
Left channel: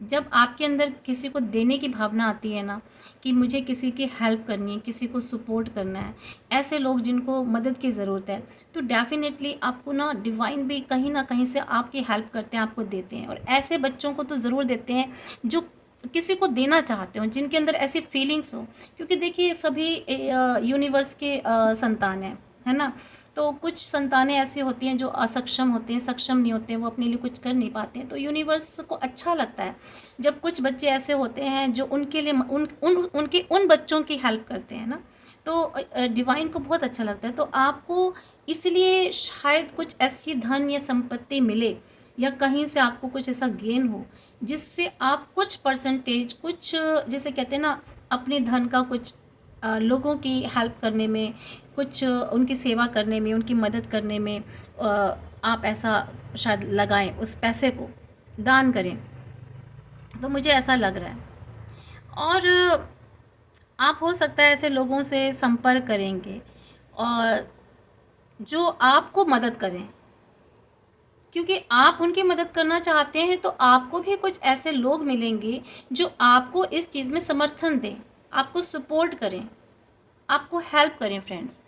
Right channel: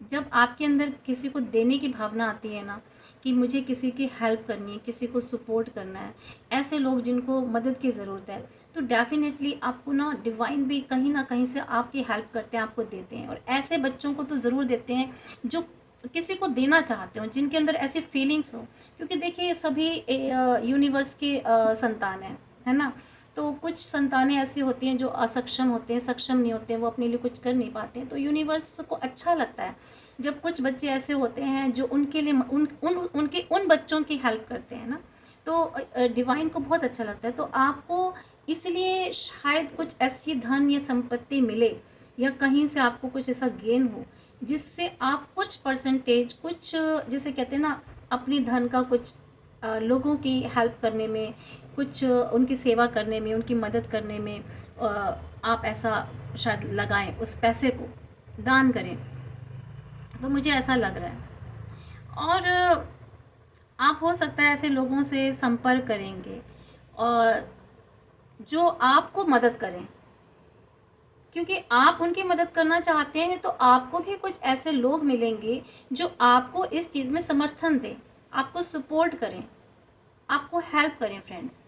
जब आपके अंदर किसी को देने की भावना आती है ना, कि मुझे किसी की हेल्प करनी है, किसी को सपोर्ट करना है, ऐसे लोग जिनको मदद की ज़रूरत है, तो डेफिनेटली आपको ना डिवाइन भी कहीं ना कहीं से आपकी हेल्प करते हैं, आपको देते हैं। और ऐसे बच्चों को तो ज़रूर देते हैं जो किसी को देना चाहते हो, जिनके अंदर ऐसी फीलिंग्स हो। क्योंकि देखिए, सभी यूनिवर्स के संतान हैं, है ना। तो कुछ संतानें ऐसी होती हैं जो असक्षम होते हैं, सक्षम नहीं होते हैं, वो अपने लिए कुछ कर नहीं पाते हैं। तो यूनिवर्स को अच्छा लगता है जब कुछ बच्चे ऐसे होते हैं जो उनके लिए उन बच्चों की हेल्प करते हैं ना। तो डिवाइन को बहुत अच्छा लगता है। तो आपको इसलिए शायद कुछ ऐसी धन या संपत्ति मिले, या कहीं से आपको कुछ ऐसा गेन हो जिससे आप कुछ परसेंटेज, कुछ जैसे कहते हैं ना, अपने धन का कुछ लोगों की हेल्प करने में, कुछ उनकी सेवा करने में, उनकी मदद करने में आप ऐसा शायद लगाएं, उस पैसे को दान करें। तो मुझे ऐसा लग रहा है। और आप हो सकता है ऐसे लोगों से संपर्क करेंगे और जो आपको मदद करें, क्योंकि आप उनकी मदद करना चाहते हैं, तो आपको भी कुछ ऐसे लोग मिलेंगे जो आपको इस चीज़ में समर्थन दें, आपको सपोर्ट करें, आपको हेल्प करें फ्रेंड्स।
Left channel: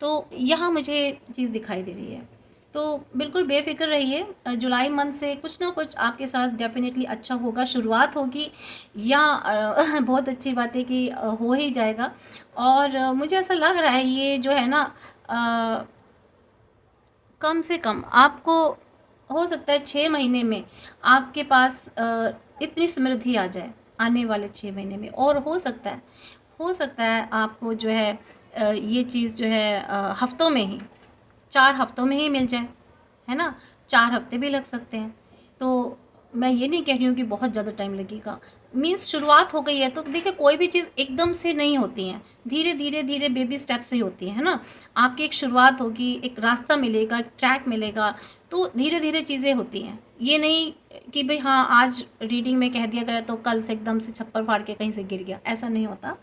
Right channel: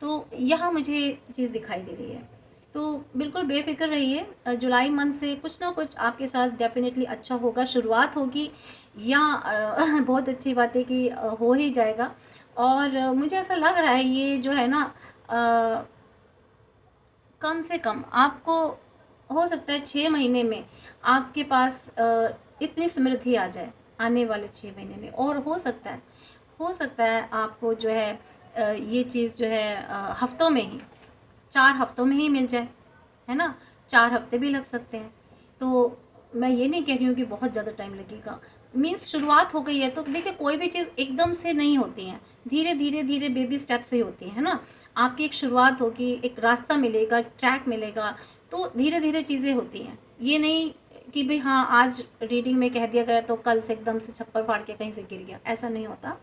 तो यहाँ मुझे चीज़ दिखाई दे रही है। तो बिल्कुल बेफिक्र रहिए, जुलाई मंथ से कुछ ना कुछ आपके साथ डेफिनेटली अच्छा होगा, शुरुआत होगी, या बहुत अच्छी बात है कि हो ही जाएगा। और मुझे ऐसा लग रहा है ये जो है ना, कम से कम आपको हो सकता है 6 महीने में आपके पास इतनी समृद्धि आ जाए, आने वाले 6 महीने में। और हो सकता है आपको जो है ये चीज़ जो है हफ्तों में ही, 4 हफ्तों में ही मिल जाए, है ना। 4 हफ्ते भी लग सकते हैं। तो मैं ये नहीं कह रही हूँ कि बहुत ज़्यादा टाइम लगेगा, मीन्स शुरुआत हो गई है। तो देखिए, कोई भी चीज़ एकदम से नहीं होती है, धीरे धीरे धीरे बेबी स्टेप से ही होती है ना। आपकी एक शुरुआत होगी, एक रास्ता मिलेगा, ट्रैक मिलेगा, तो धीरे धीरे चीज़ें होती हैं। ये नहीं कि भाई हाँ, आज रीडिंग में कह दिया गया तो कल से एकदम से छप्पर फाड़ के कहीं से गिर गया, ऐसा नहीं होता।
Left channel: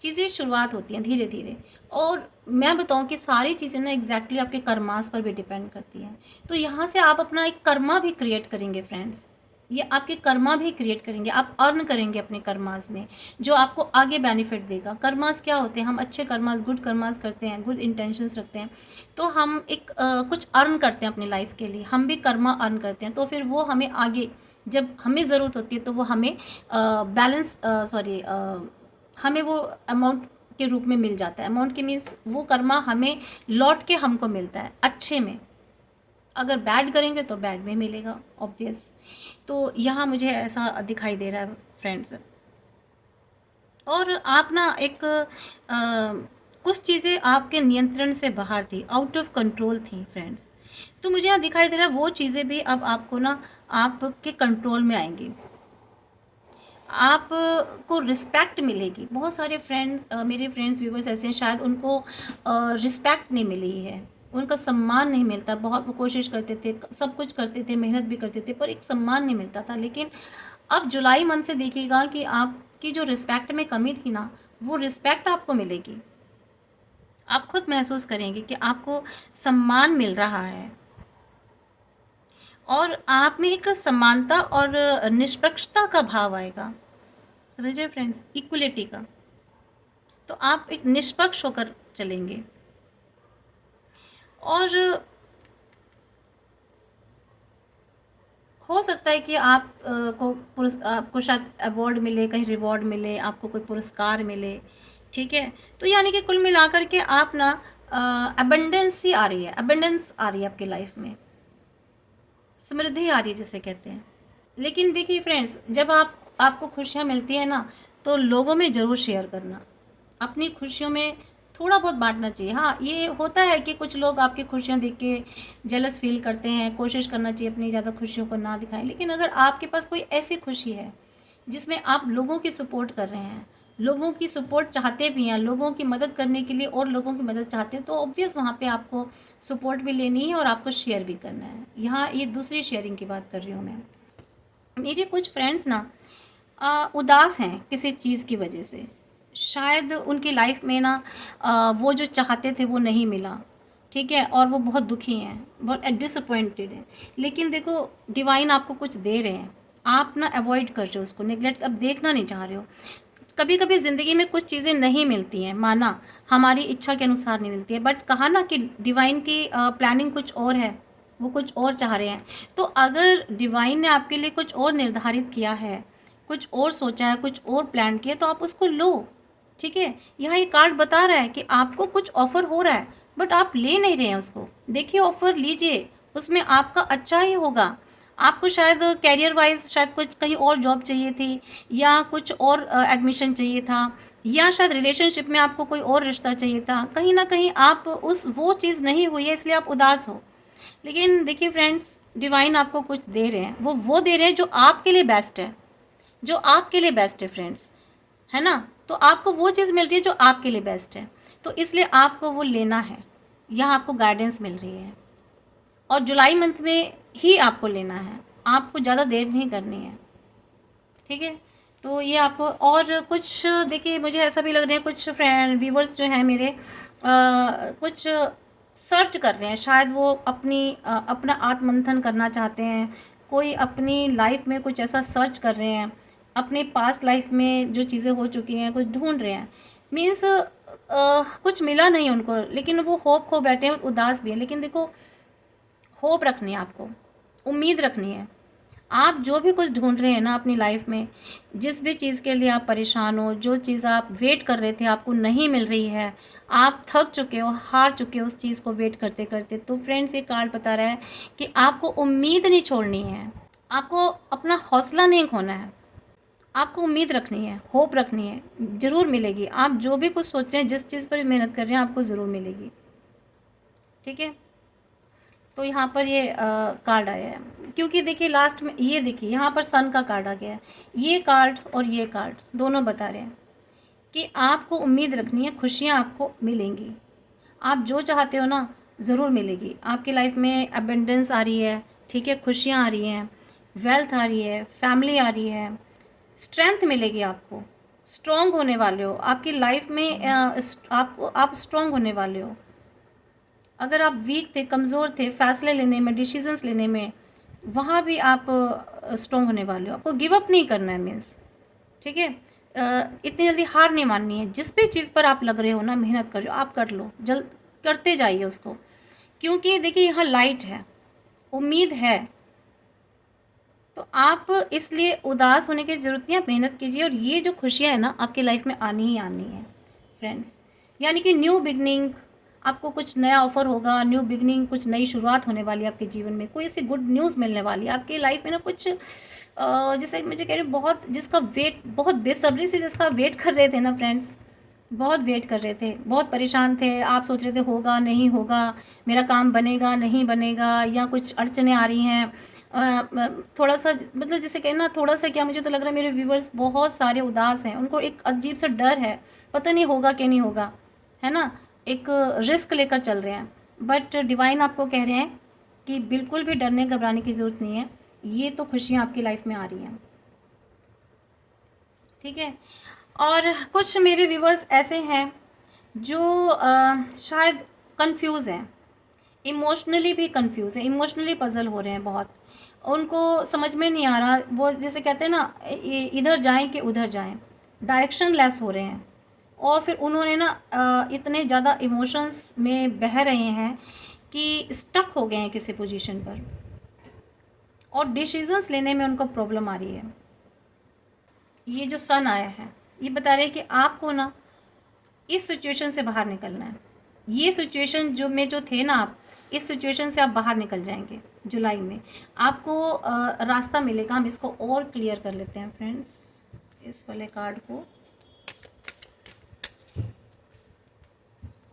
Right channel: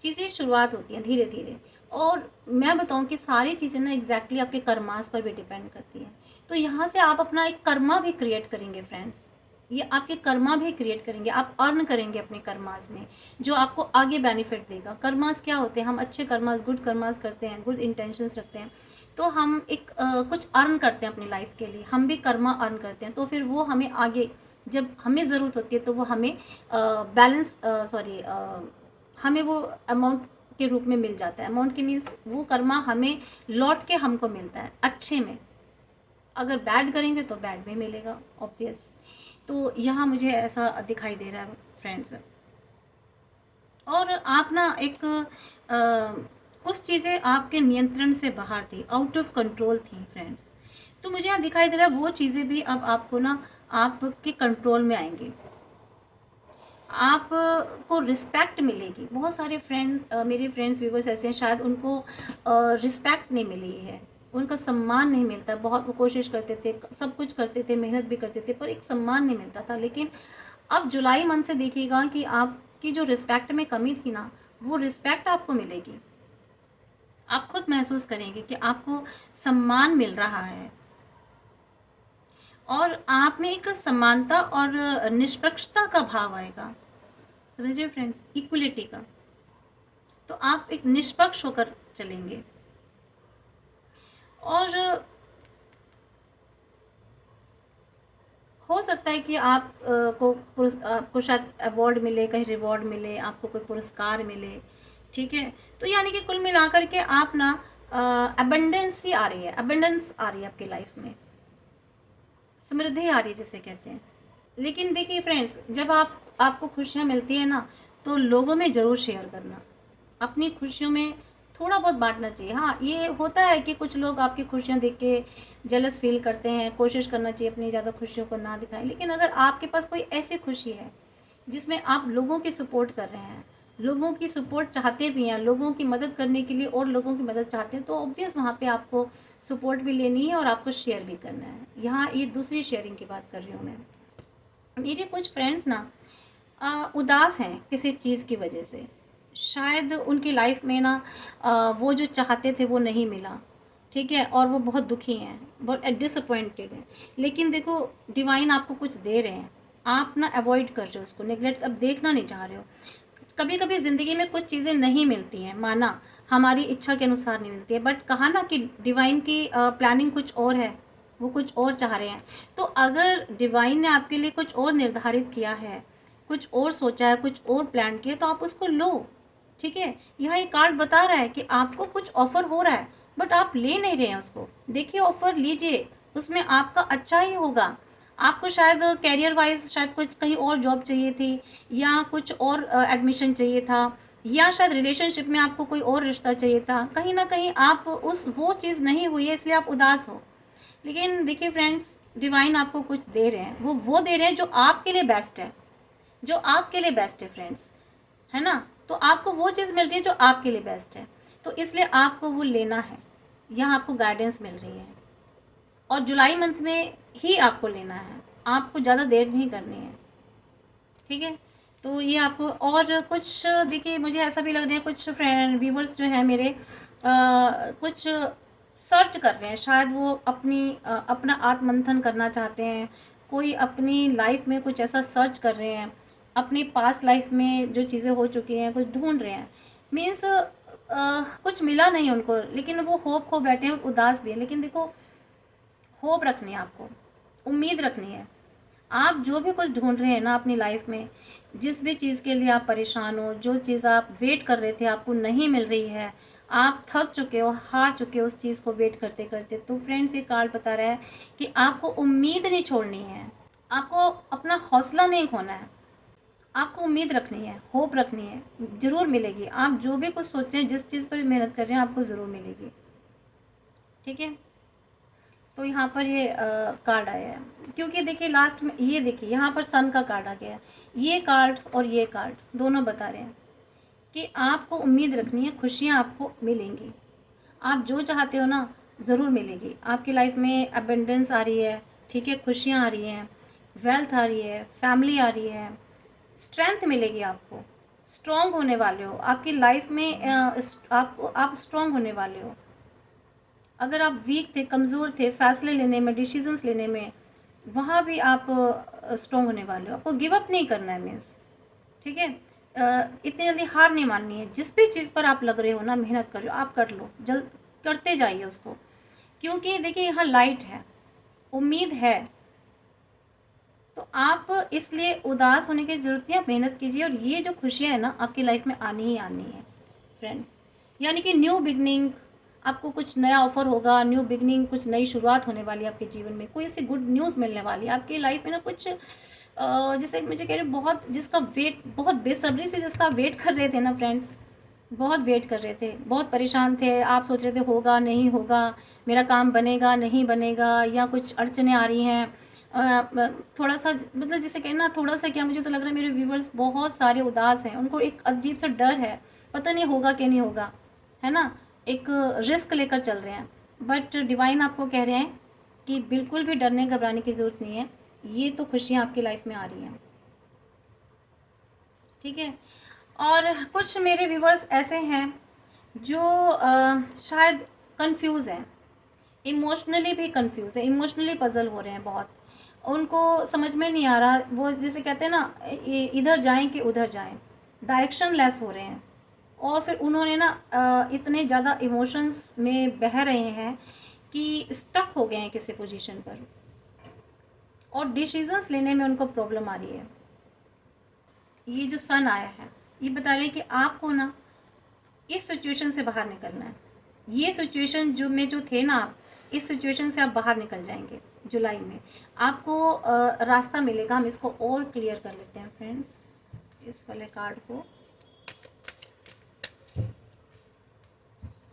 चीज़ें शुरुआत होती हैं धीरे धीरे। और मैं बताऊं कि सारी चीज़ें ना एग्जैक्टली आपके कर्मास पर भी डिपेंड करती हैं। तो यहाँ से आप अपना एक कर्मा भी क्रिएट करेंगे फ्रेंड्स, ये आपके कर्मा भी क्रिएट करेंगे, आप अर्न करेंगे अपने कर्मास में, जो आपको आगे बेनिफिट देगा। कर्मास क्या होते हैं? हम अच्छे कर्मास, गुड कर्मास करते हैं, गुड इंटेंशंस रखते हैं, तो हम एक कुछ अर्न करते हैं अपनी लाइफ के लिए, हम भी कर्मा अर्न करते हैं। तो फिर वो हमें आगे जब हमें ज़रूरत होती है तो वो हमें हमें वो अमाउंट के रूप में मिल जाता है। अमाउंट के मीन्स वो कर्मा हमें लौट के हमको मिलता है अच्छे में। अगर बैड करेंगे तो बैड में मिलेगा, ऑब्वियस। तो यहाँ मुझे ऐसा दिखाई दे रहा है फ्रेंड्स। और आप ना एक कुछ चीज़ें आपके नियंत्रण से बाहर थी, आउट ऑफ कंट्रोल थी फ्रेंड्स। तो मुझे यहाँ दिखाई दे रहा है वो चीज़ें भी अब आपको ना आपके कंट्रोल में आएंगी, आपको रिस्पेक्ट मिलेगी। बहुत सारे मेरे फ्रेंड्स व्यूवर्स ऐसे हैं, शायद उनको रिस्पेक्ट नहीं मिली है, उनका सम्मान नहीं मिलता। बहुत वो कोशिश करते थे, सब कुछ करते थे, मेहनत भी करते थे, पर एक सम्मान नहीं मिलता था। लेकिन अब जुलाई मंथ से देखिएगा कि आपकी जो रिस्पेक्ट में कमी थी ना, वो रिस्पेक्ट आपको मिलेगी। आप खुद महसूस करेंगे कि आपको सम्मान मिल रहा है, और आप में एक समानता और निष्पक्षता का भाव आएगा। समझ रहे फ्रेंड्स? इक्वलिटी का। तो आप एक निष्पक्ष होकर चलेंगे। और हो सकता है कि आपको शायद अवार्ड मिले, कहीं रिवॉर्ड मिले, आपको कोई पुरस्कार मिले, ठीक है। तो यानी कि कुल मिलाकर के आप ना अबंडेंस ही आ रही है, अबंडेंस आ रही है आपकी लाइफ में, समृद्धि आ रही है जिसे कहते हैं। लेकिन देखिए फ्रेंड्स, जब आपको खुशियाँ मिलती है ना, तो लोगों में ज़रूर शेयर करना। अपनी खुशियों में थोड़ा बहुत बांटना चाहिए। हाँ, ये होता है कि कुछ लोग आपकी खुशियाँ देख के जेलस फील करते हैं, कोशिश करना चाहिए अपनी ज़्यादा खुशियों को ना दिखाएं। लेकिन अगर आपके पास कोई ऐसी खुशी है जिसमें आप लोगों की सपोर्ट कर रहे हैं, लोगों की सपोर्ट चाहते भी हैं, लोगों की मदद करने के लिए और लोगों की मदद चाहते हैं, तो ऑब्वियस वहाँ पे आपको सपोर्ट भी लेनी है और आपको शेयर भी करना है। यहाँ ये दूसरी शेयरिंग की बात कर रही हूँ मैं। मेरे कुछ फ्रेंड्स ना उदास हैं किसी चीज़ की वजह से। शायद उनकी लाइफ में ना वो जो चाहते थे वो नहीं मिला, ठीक है, और वो बहुत दुखी हैं, बहुत डिसअपॉइंटेड हैं। लेकिन देखो, डिवाइन आपको कुछ दे रहे हैं, आप ना अवॉइड कर रहे हो उसको, नेगलेक्ट अब देखना नहीं चाह रहे हो। कभी कभी ज़िंदगी में कुछ चीज़ें नहीं मिलती हैं, माना हमारी इच्छा के अनुसार नहीं मिलती है, बट कहा ना कि डिवाइन की प्लानिंग कुछ और है, वो कुछ और चाह रहे हैं। तो अगर डिवाइन ने आपके लिए कुछ और निर्धारित किया है, कुछ और सोचा है, कुछ और प्लान किया, तो आप उसको लो, ठीक है। यहाँ ये कार्ड बता रहा है कि आपको कुछ ऑफर हो रहा है, बट आप ले नहीं रहे हैं उसको। देखिए, ऑफर लीजिए, उसमें आपका अच्छा ही होगा। आपको शायद कैरियर वाइज शायद कुछ कहीं और जॉब चाहिए थी, या कुछ और एडमिशन चाहिए था, या शायद रिलेशनशिप में आपको कोई और रिश्ता चाहिए था। कहीं ना कहीं आप उस वो चीज़ नहीं हुई है, इसलिए आप उदास हो। लेकिन देखिए फ्रेंड्स, डिवाइन आपको कुछ दे रहे हैं, वो दे रहे हैं जो आपके लिए बेस्ट है, जो आपके लिए बेस्ट है फ्रेंड्स, है ना। तो आपको वो चीज़ मिल रही है जो आपके लिए बेस्ट है, तो इसलिए आपको वो लेना है। यहाँ आपको गाइडेंस मिल रही है, और जुलाई मंथ में ही आपको लेना है, आपको ज़्यादा देर नहीं करनी है, ठीक है। तो ये आपको और कुछ देखिए, मुझे ऐसा भी लग रहा है कुछ फ्रेंड व्यूवर्स जो हैं मेरे कुछ सर्च कर रहे हैं, शायद वो अपना आत्ममंथन करना चाहते हैं, कोई अपनी लाइफ में कुछ ऐसा सर्च कर रहे हैं, अपनी पास्ट लाइफ में जो चीज़ें हो चुकी हैं कुछ ढूंढ रहे हैं। मीन्स कुछ मिला नहीं उनको, लेकिन वो होप खो बैठे हैं, उदास भी है। लेकिन देखो, होप रखनी है आपको, उम्मीद रखनी है। आप जो भी कुछ ढूंढ रहे हैं ना अपनी लाइफ में, जिस भी चीज़ के लिए आप परेशान हो, जो चीज़ आप वेट कर रहे थे आपको नहीं मिल रही है, आप थक चुके हो, हार चुके हो उस चीज़ को वेट करते करते, तो फ्रेंड्स ये कार्ड बता रहा है कि आपको उम्मीद नहीं छोड़नी है, आपको अपना हौसला नहीं खोना है, आपको उम्मीद रखनी है, होप रखनी है, ज़रूर मिलेगी। आप जो भी कुछ सोच रहे हैं, जिस चीज़ पर भी मेहनत कर रहे हैं, आपको ज़रूर मिलेगी, ठीक है। तो यहाँ पर ये कार्ड आया है, क्योंकि देखिए लास्ट में ये देखिए यहाँ पर सन का कार्ड आ गया है। ये कार्ड और ये कार्ड दोनों बता रहे हैं कि आपको उम्मीद रखनी है, खुशियाँ आपको मिलेंगी, आप जो चाहते हो ना ज़रूर मिलेगी। आपकी लाइफ में अबेंडेंस आ रही है, ठीक है, खुशियाँ आ रही हैं, वेल्थ आ रही है, फैमिली आ रही है, स्ट्रेंथ मिलेगी आपको, स्ट्रॉन्ग होने वाले हो आपकी लाइफ में। आप स्ट्रॉन्ग होने वाले हो। अगर आप वीक थे, कमज़ोर थे फैसले लेने में, डिसीजंस लेने में, वहाँ भी आप स्ट्रॉन्ग होने वाले हो। आपको गिव अप नहीं करना है मीन्स, ठीक है। इतनी जल्दी हार नहीं माननी है। जिस भी चीज़ पर आप लग रहे हो ना, मेहनत कर रहे हो, आप कर लो, जल्द करते जाइए उसको, क्योंकि देखिए यहाँ लाइट है, उम्मीद है। तो आप इसलिए उदास होने की ज़रूरत नहीं, आप मेहनत कीजिए, और ये जो खुशियाँ हैं ना आपकी लाइफ में आनी ही आनी है फ्रेंड्स। यानी कि न्यू बिगनिंग, आपको कुछ नया ऑफर होगा, न्यू बिगनिंग, कुछ नई शुरुआत होने वाली है आपके जीवन में, कोई ऐसी गुड न्यूज़ मिलने वाली है आपकी लाइफ में ना। कुछ जैसे मुझे कह रही हूँ, बहुत जिसका वेट, बहुत बेसब्री से जिसका वेट कर रहे थे ना फ्रेंड्स, बहुत वेट कर रहे थे, बहुत परेशान थे, आप सोच रहे थे होगा नहीं होगा, मेरा काम बनेगा नहीं बनेगा, या कुछ अड़चने आ रही हैं। थोड़ा सा मतलब जैसे कहना, थोड़ा सा क्या, मुझे तो लग रहा है मेरे व्यूवर्स बहुत सारे उदास हैं, उनको एक अजीब सा डर है, पता नहीं होगा कि नहीं होगा, है ना, एक रिस्क लेकर चल रहे हैं। बट डिवाइन आपको कह रहे हैं कि बिल्कुल भी डरने घबराने की ज़रूरत नहीं है, ये तो खुशियाँ आपकी लाइफ में आ रही हैं, ठीक है। और कुछ मेरे व्यूवर्स ऐसे हैं जो शायद कंफ्यूज हैं, इमोशनली भी कंफ्यूज है, इमोशनली पजल हो रहे हैं बहुत, उनको समझ में नहीं आ रहा, वो जैसे कहते हैं ना, इधर जाएं कि उधर जाएं, डायरेक्शन लेस हो रहे हैं। और फिर उन्होंने ना इतने ज़्यादा इमोशंस में बह रहे हैं कि स्टक हो गए हैं किसी पोजीशन पर, और डिसीजंस लेने में उनको प्रॉब्लम आ रही है। ये जो सन आया है, ये बता रहे हैं कि आपको ना इस सिचुएशन से बाहर निकलना है। ये सिचुएशन जो थे ना आप, इस सिचुएशन से आप बाहर निकल जाएंगे जुलाई में, आपको रास्ता मिलेगा। हम इसको और क्लियर कर लेते हैं फ्रेंड्स, इस वाले कार्ड को।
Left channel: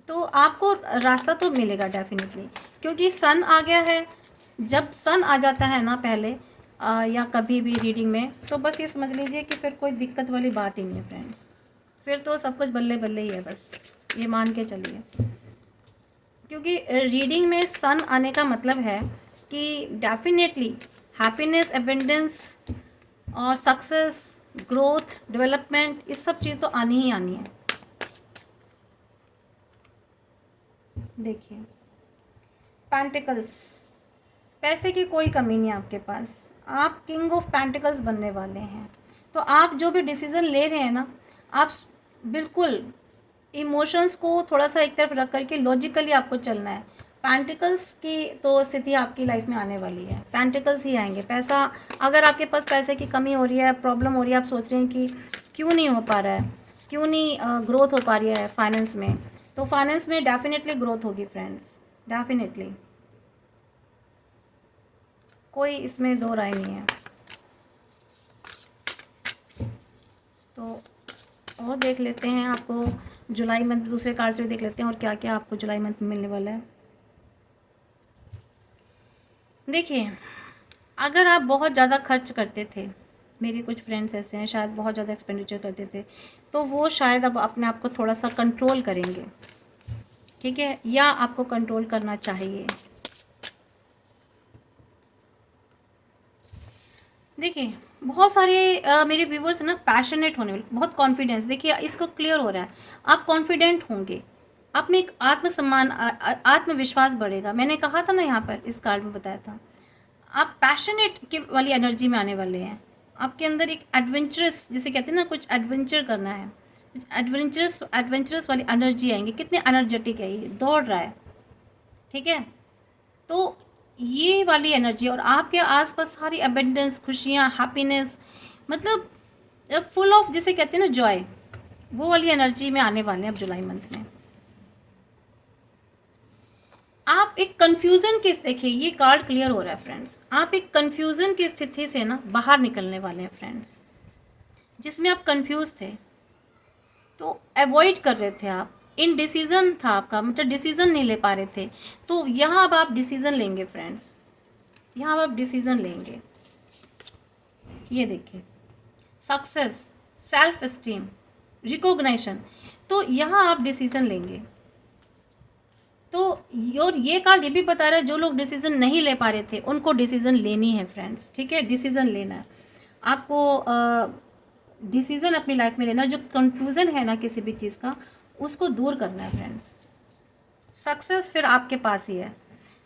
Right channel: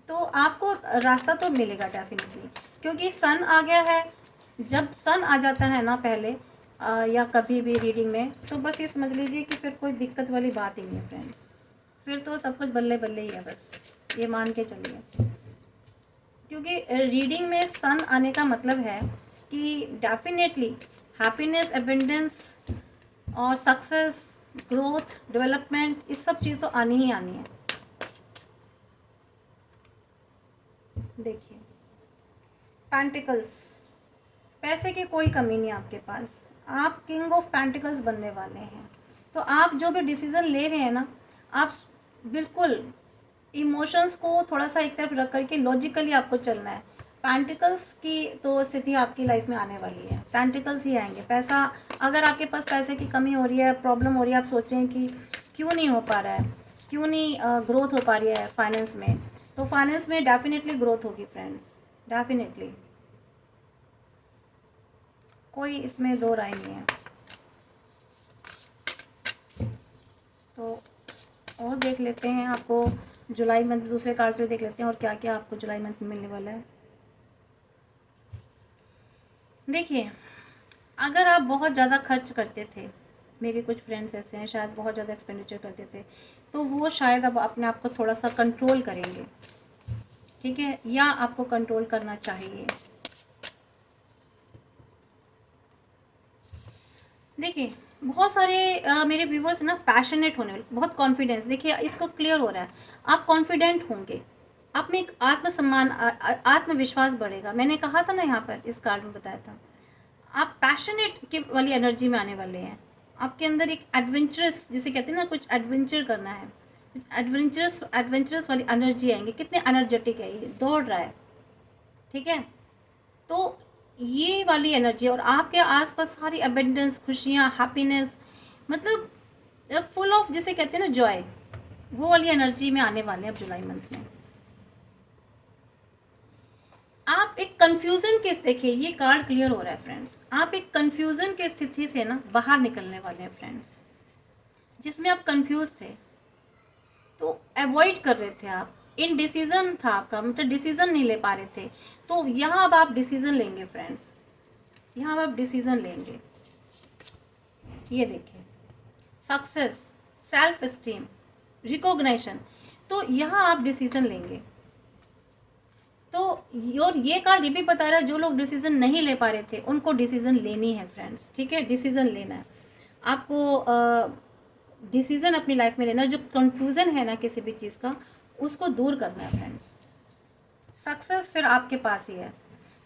तो आपको रास्ता तो मिलेगा डेफिनेटली, क्योंकि सन आ गया है। जब सन आ जाता है ना पहले या कभी भी रीडिंग में, तो बस ये समझ लीजिए कि फिर कोई दिक्कत वाली बात ही नहीं है फ्रेंड्स। फिर तो सब कुछ बल्ले बल्ले ही है, बस ये मान के चलिए। क्योंकि रीडिंग में सन आने का मतलब है कि डेफिनेटली हैप्पीनेस, एबंडेंस और सक्सेस, ग्रोथ, डेवलपमेंट, इस सब चीज़ तो आनी ही आनी है। देखिए पेंटिकल्स, पैसे की कोई कमी नहीं है आपके पास। आप किंग ऑफ पेंटिकल्स बनने वाले हैं। तो आप जो भी डिसीज़न ले रहे हैं ना, आप बिल्कुल इमोशंस को थोड़ा सा एक तरफ रख करके लॉजिकली आपको चलना है। पेंटिकल्स की तो स्थिति आपकी लाइफ में आने वाली है, पेंटिकल्स ही आएंगे। पैसा, अगर आपके पास पैसे की कमी हो रही है, प्रॉब्लम हो रही है, आप सोच रहे हैं कि क्यों नहीं हो पा रहा है, क्यों नहीं ग्रोथ हो पा रही है फाइनेंस में, तो फाइनेंस में डेफिनेटली ग्रोथ होगी फ्रेंड्स, डेफिनेटली, कोई इसमें दो राय नहीं है। तो और देख लेते हैं आपको जुलाई मंथ, दूसरे कार्ड से भी देख लेते हैं और क्या क्या आपको जुलाई मंथ में मिलने वाला है। देखिए अगर आप बहुत ज़्यादा खर्च करते थे, मेरे कुछ फ्रेंड्स ऐसे हैं शायद बहुत ज़्यादा एक्सपेंडिचर करते थे, तो वो शायद अब अपने आप को थोड़ा सा कंट्रोल करेंगे, ठीक है, या आपको कंट्रोल करना चाहिए। देखिए बहुत सारे मेरे व्यूवर्स ना पैशनेट होने वाले, बहुत कॉन्फिडेंस, देखिए इसको क्लियर हो रहा है, आप कॉन्फिडेंट होंगे, आप में एक आत्मसम्मान, आत्मविश्वास बढ़ेगा। मैंने कहा था ना, यहाँ पर इस कार्ड में बताया था, आप पैशनेट के वाली एनर्जी में आने वाले हैं। आपके अंदर एक एडवेंचरस, जिसे कहते हैं ना, कुछ एडवेंचर करना है, एडवेंचरस एडवेंचरस वाली एनर्जी आएंगे। कितने एनर्जेटिक है, ये दौड़ रहा है, ठीक है। तो ये वाली एनर्जी, और आपके आसपास सारी अबेंडेंस, खुशियाँ, हैप्पीनेस, मतलब फुल ऑफ, जिसे कहते हैं ना जॉय, वो वाली एनर्जी में आने वाले हैं अब जुलाई मंथ में। आप एक कंफ्यूजन के, देखिए ये कार्ड क्लियर हो रहा है फ्रेंड्स, आप एक कंफ्यूजन की स्थिति से ना बाहर निकलने वाले हैं फ्रेंड्स, जिसमें आप कंफ्यूज थे, तो अवॉइड कर रहे थे आप, इनडिसीजन था आपका, मतलब डिसीजन नहीं ले पा रहे थे, तो यहाँ अब आप डिसीजन लेंगे फ्रेंड्स, यहाँ अब आप डिसीजन लेंगे। ये देखिए सक्सेस, सेल्फ एस्टीम, रिकॉग्निशन, तो यहाँ आप डिसीजन लेंगे। तो और ये कार्ड ये भी बता रहा है, जो लोग डिसीजन नहीं ले पा रहे थे उनको डिसीजन लेनी है फ्रेंड्स, ठीक है, डिसीजन लेना है आपको, डिसीजन अपनी लाइफ में लेना, जो कंफ्यूजन है ना किसी भी चीज़ का, उसको दूर करना है फ्रेंड्स। सक्सेस फिर आपके पास ही है।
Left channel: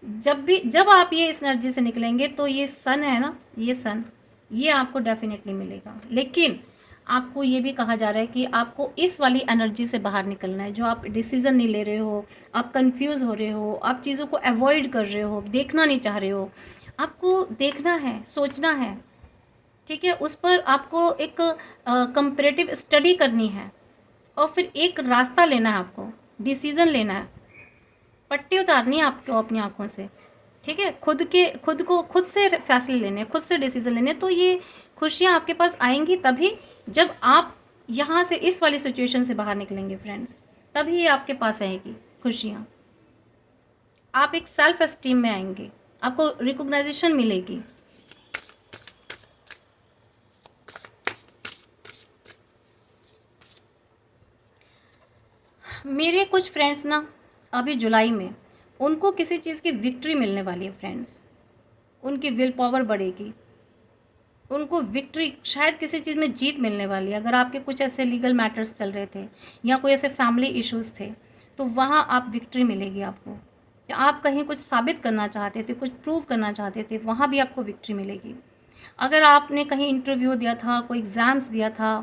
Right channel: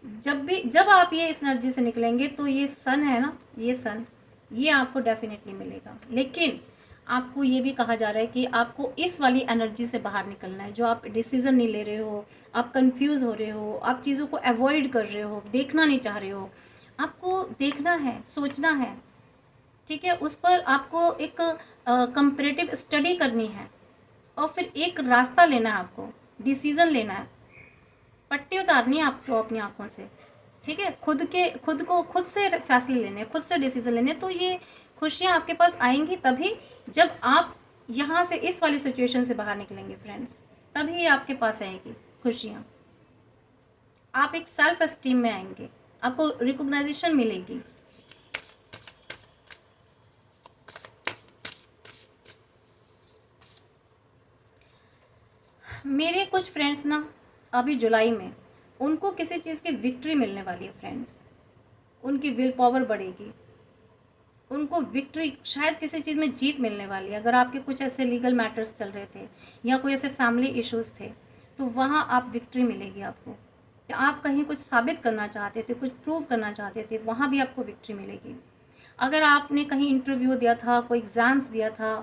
जब आप ये इस एनर्जी से निकलेंगे, तो ये सन है ना, ये सन, ये आपको डेफिनेटली मिलेगा। लेकिन आपको ये भी कहा जा रहा है कि आपको इस वाली एनर्जी से बाहर निकलना है, जो आप डिसीज़न नहीं ले रहे हो, आप कंफ्यूज हो रहे हो, आप चीज़ों को अवॉइड कर रहे हो, देखना नहीं चाह रहे हो, आपको देखना है, सोचना है, ठीक है, उस पर आपको एक कंपैरेटिव स्टडी करनी है, और फिर एक रास्ता लेना है, आपको डिसीज़न लेना है, पट्टी उतारनी है आपको अपनी आंखों से, ठीक है, खुद से फैसले लेने, खुद से डिसीजन लेने। तो ये खुशियाँ आपके पास आएंगी तभी, जब आप यहाँ से इस वाली सिचुएशन से बाहर निकलेंगे फ्रेंड्स, तभी आपके पास आएगी खुशियाँ। आप एक सेल्फ एस्टीम में आएंगे, आपको रिकॉग्नाइजेशन मिलेगी। मेरे कुछ फ्रेंड्स ना अभी जुलाई में, उनको किसी चीज़ की विक्ट्री मिलने वाली है फ्रेंड्स, उनकी विल पावर बढ़ेगी, उनको विक्ट्री, शायद किसी चीज़ में जीत मिलने वाली है। अगर आपके कुछ ऐसे लीगल मैटर्स चल रहे थे या कोई ऐसे फैमिली इश्यूज़ थे, तो वहाँ आप विक्ट्री मिलेगी आपको। या आप कहीं कुछ साबित करना चाहते थे, कुछ प्रूव करना चाहते थे, वहाँ भी आपको विक्ट्री मिलेगी। अगर आपने कहीं इंटरव्यू दिया था, कोई एग्ज़ाम्स दिया था,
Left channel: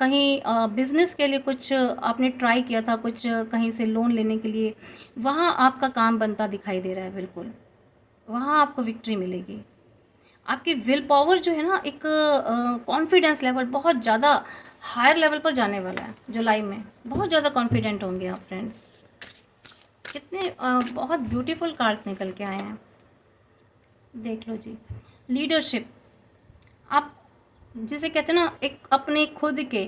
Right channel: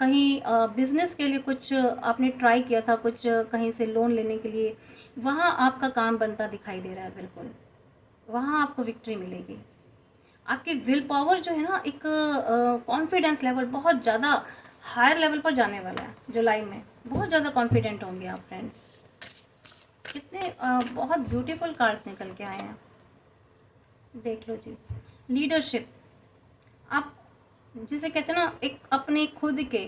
कहीं बिज़नेस के लिए कुछ आपने ट्राई किया था, कुछ कहीं से लोन लेने के लिए, वहाँ आपका काम बनता दिखाई दे रहा है, बिल्कुल वहाँ आपको विक्ट्री मिलेगी। आपकी विल पावर जो है ना, एक कॉन्फिडेंस लेवल बहुत ज़्यादा हायर लेवल पर जाने वाला है जुलाई में, बहुत ज़्यादा कॉन्फिडेंट होंगे आप फ्रेंड्स। कितने बहुत ब्यूटीफुल कार्ड्स निकल के आए हैं, देख लो जी। लीडरशिप, आप जिसे कहते हैं ना, एक अपने खुद के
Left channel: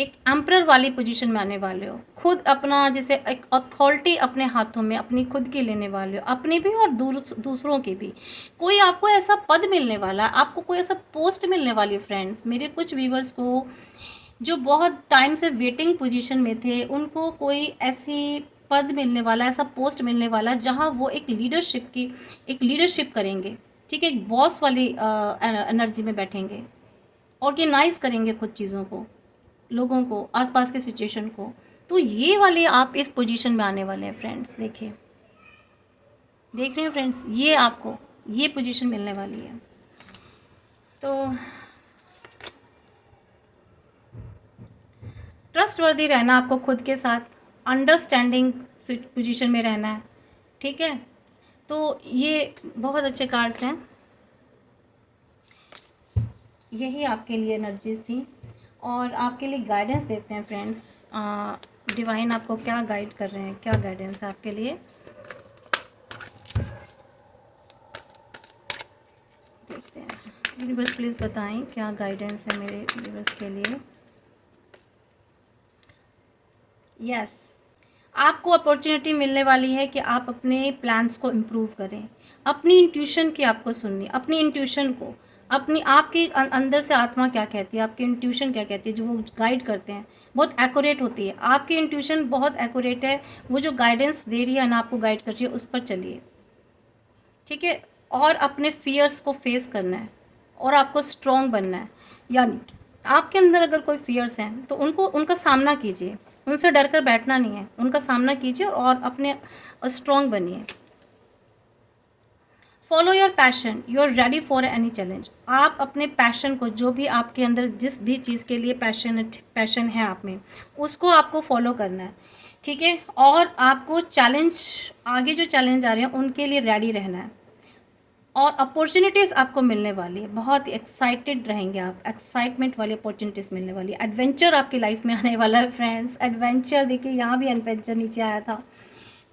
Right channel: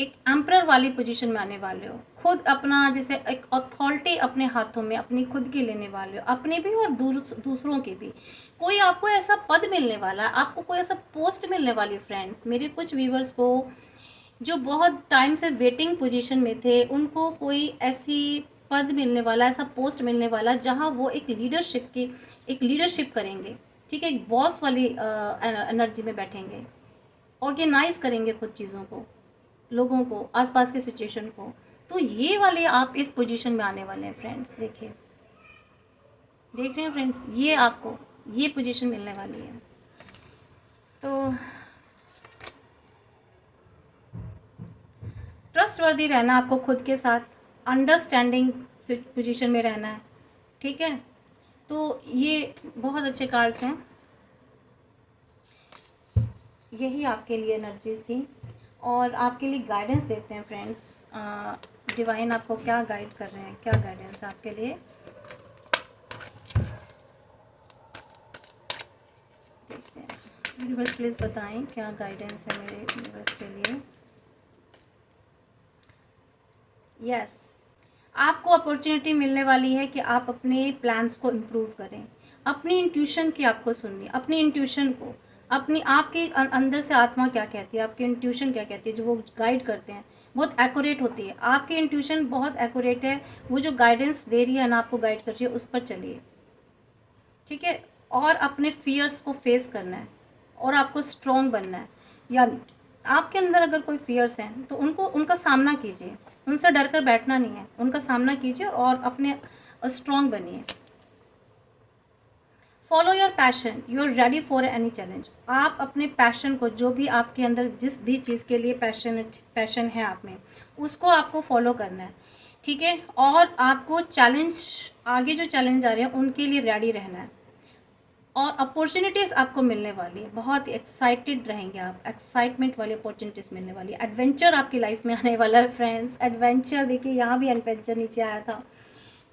एक एम्परर वाली पोजीशन में आने वाले हो। खुद अपना जैसे एक अथॉरिटी अपने हाथों में अपनी खुद की लेने वाले हो, अपने भी और दूसरों के भी। कोई आपको ऐसा पद मिलने वाला है, आपको कोई ऐसा पोस्ट मिलने वाली है फ्रेंड्स। मेरे कुछ व्यूवर्स को जो बहुत टाइम से वेटिंग पोजीशन में थे, उनको कोई ऐसी पद मिलने वाला, ऐसा पोस्ट मिलने वाला जहाँ वो एक लीडरशिप करेंगे। ठीक है, एक बॉस वाली एनर्जी में बैठेंगे, ऑर्गेनाइज करेंगे खुद चीज़ों को, लोगों को, आसपास के सिचुएशन को। तो ये वाले आप इस पोजीशन में आने वाले हैं फ्रेंड्स। देखिए, देख रहे हैं फ्रेंड्स, ये आपको ये पोजीशन मिलने वाली है। तो ट्रस्टवर्दी रहना आपको खुद के साथ, अंडरस्टैंडिंग पोजीशन में रहना है। ठीक है, तो ये बहुत अच्छे कार्ड्स हैं। यही आपके लिए एनर्जीज थी और आपके लिए गाइडेंस देते हैं फ्रेंड्स। डिवाइन आपको क्या गाइड कर रहे हैं, क्या गाइडेंस आपके लिए। देखते हैं व्यूअर्स, प्लीज़ बताएं क्या गाइडेंस है मेरे व्यूअर्स के लिए। यस, आपको अपॉर्चुनिटी मिलने वाली है कि आप अपने प्लान्स को इम्प्रूव करें, अपनी इंट्यूशन की आपको सुननी, अपनी इंट्यूशन को, अपनी आपके अंदर से आत्मा क्या कहती है, आपकी इंट्यूशन क्या कहती है, जो वो गाइड करते हैं बहुत एक्यूरेट होती है। आपकी इंट्यूशन बहुत एक्यूरेट है, वो जो गाइडेंस दे रही है ना, आपको गाइड कर रही है, उस पर चलिए। ठीक है, और अपने फियर्स को फेस करना है और आपको स्ट्रॉन्ग बनना है। यानी आपके अंदर अगर कोई फियर्स हैं तो उनका सामना कीजिए, उनसे डर कर बैठना नहीं है, उनका सामना कीजिए और अपने स्ट्रॉन्ग बनिए। Follow your passion, you are ready for any challenge. आप अपने पैशन को, जो भी आपके अंदर जिस भी चीज़ के लिए पैशन है आप में, उसको आपको फॉलो करना है। ठीक है, और आपको आगे जो चैलेंज आ रहे हैं उनके लिए रेडी रहना है। और अपॉर्चुनिटीज़ आपको मिलने वाली है, बहुत एक्साइटेड रहेंगे आप, एक्साइटमेंट वाली अपॉर्चुनिटीज़ मिलने वाली है। एडवेंचर आपकी लाइफ में आने वाला है फ्रेंड्स। एडवेंचर देखिए, यहाँ भी एडवेंचर नीचे आया था।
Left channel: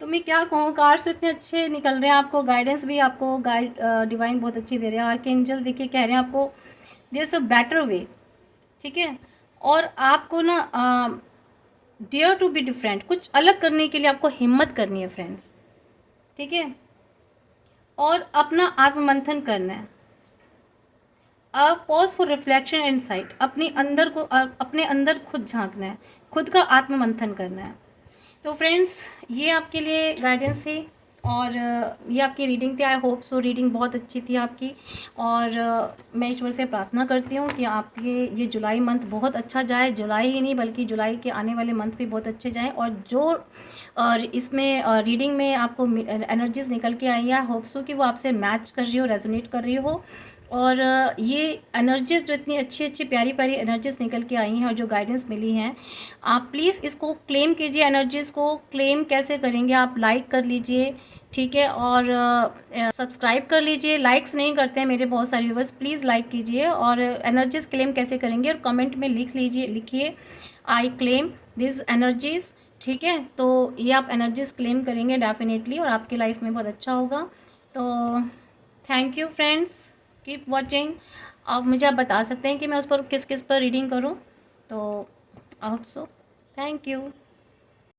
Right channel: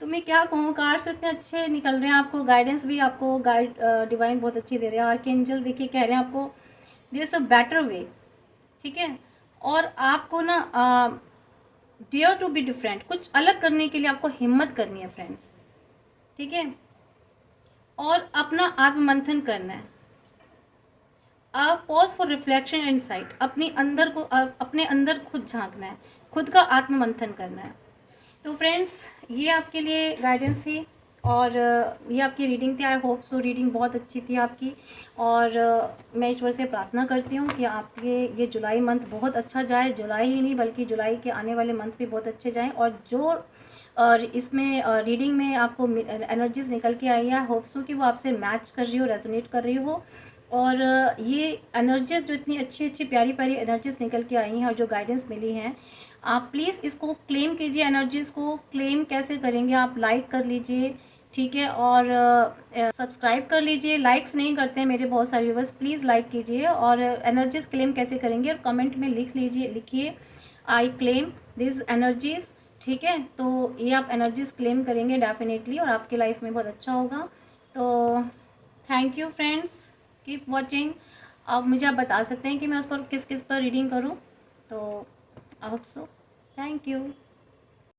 तो मैं क्या कहूँ, कार्ड्स इतने अच्छे निकल रहे हैं, आपको गाइडेंस भी आपको डिवाइन बहुत अच्छी दे रहे हैं। आर्कएंजल देखिए कह रहे हैं आपको there is a better way. ठीक है, और आपको ना डेयर टू बी डिफरेंट, कुछ अलग करने के लिए आपको हिम्मत करनी है फ्रेंड्स। ठीक है, और अपना आत्ममंथन करना है। Pause for reflection and site, अपने अंदर खुद झांकना है, खुद का आत्ममंथन करना है। तो फ्रेंड्स, ये आपके लिए गाइडेंस थी और ये आपकी रीडिंग थी। आई होप सो रीडिंग बहुत अच्छी थी आपकी। और मैं ईश्वर से प्रार्थना करती हूँ कि आपके ये जुलाई मंथ बहुत अच्छा जाए। जुलाई ही नहीं बल्कि जुलाई के आने वाले मंथ भी बहुत अच्छे जाएँ। और जो इसमें रीडिंग में आपको एनर्जीज निकल के आई है, होप सो कि वो आपसे मैच कर रही हो, रेजोनेट कर रही हो। और ये एनर्जीज जो इतनी अच्छी अच्छी प्यारी प्यारी एनर्जीज निकल के आई हैं और जो गाइडेंस मिली हैं, आप प्लीज़ इसको क्लेम कीजिए। एनर्जीज़ को क्लेम कैसे करेंगे, आप लाइक कर लीजिए। ठीक है, और सब्सक्राइब कर लीजिए। लाइक्स नहीं करते हैं मेरे बहुत सारे व्यूवर्स, प्लीज़ लाइक कीजिए। और एनर्जीज़ क्लेम कैसे करेंगे और कमेंट में लिखिए आई क्लेम दिस एनर्जीज़। ठीक है, तो ये आप एनर्जीज़ क्लेम करेंगे डेफिनेटली और आपकी लाइफ में बहुत अच्छा होगा। तो thank you friends, keep watching. अब मुझे आप बता सकते हैं कि मैं उस पर किस किस पर रीडिंग करूं। तो I hope so, thank you.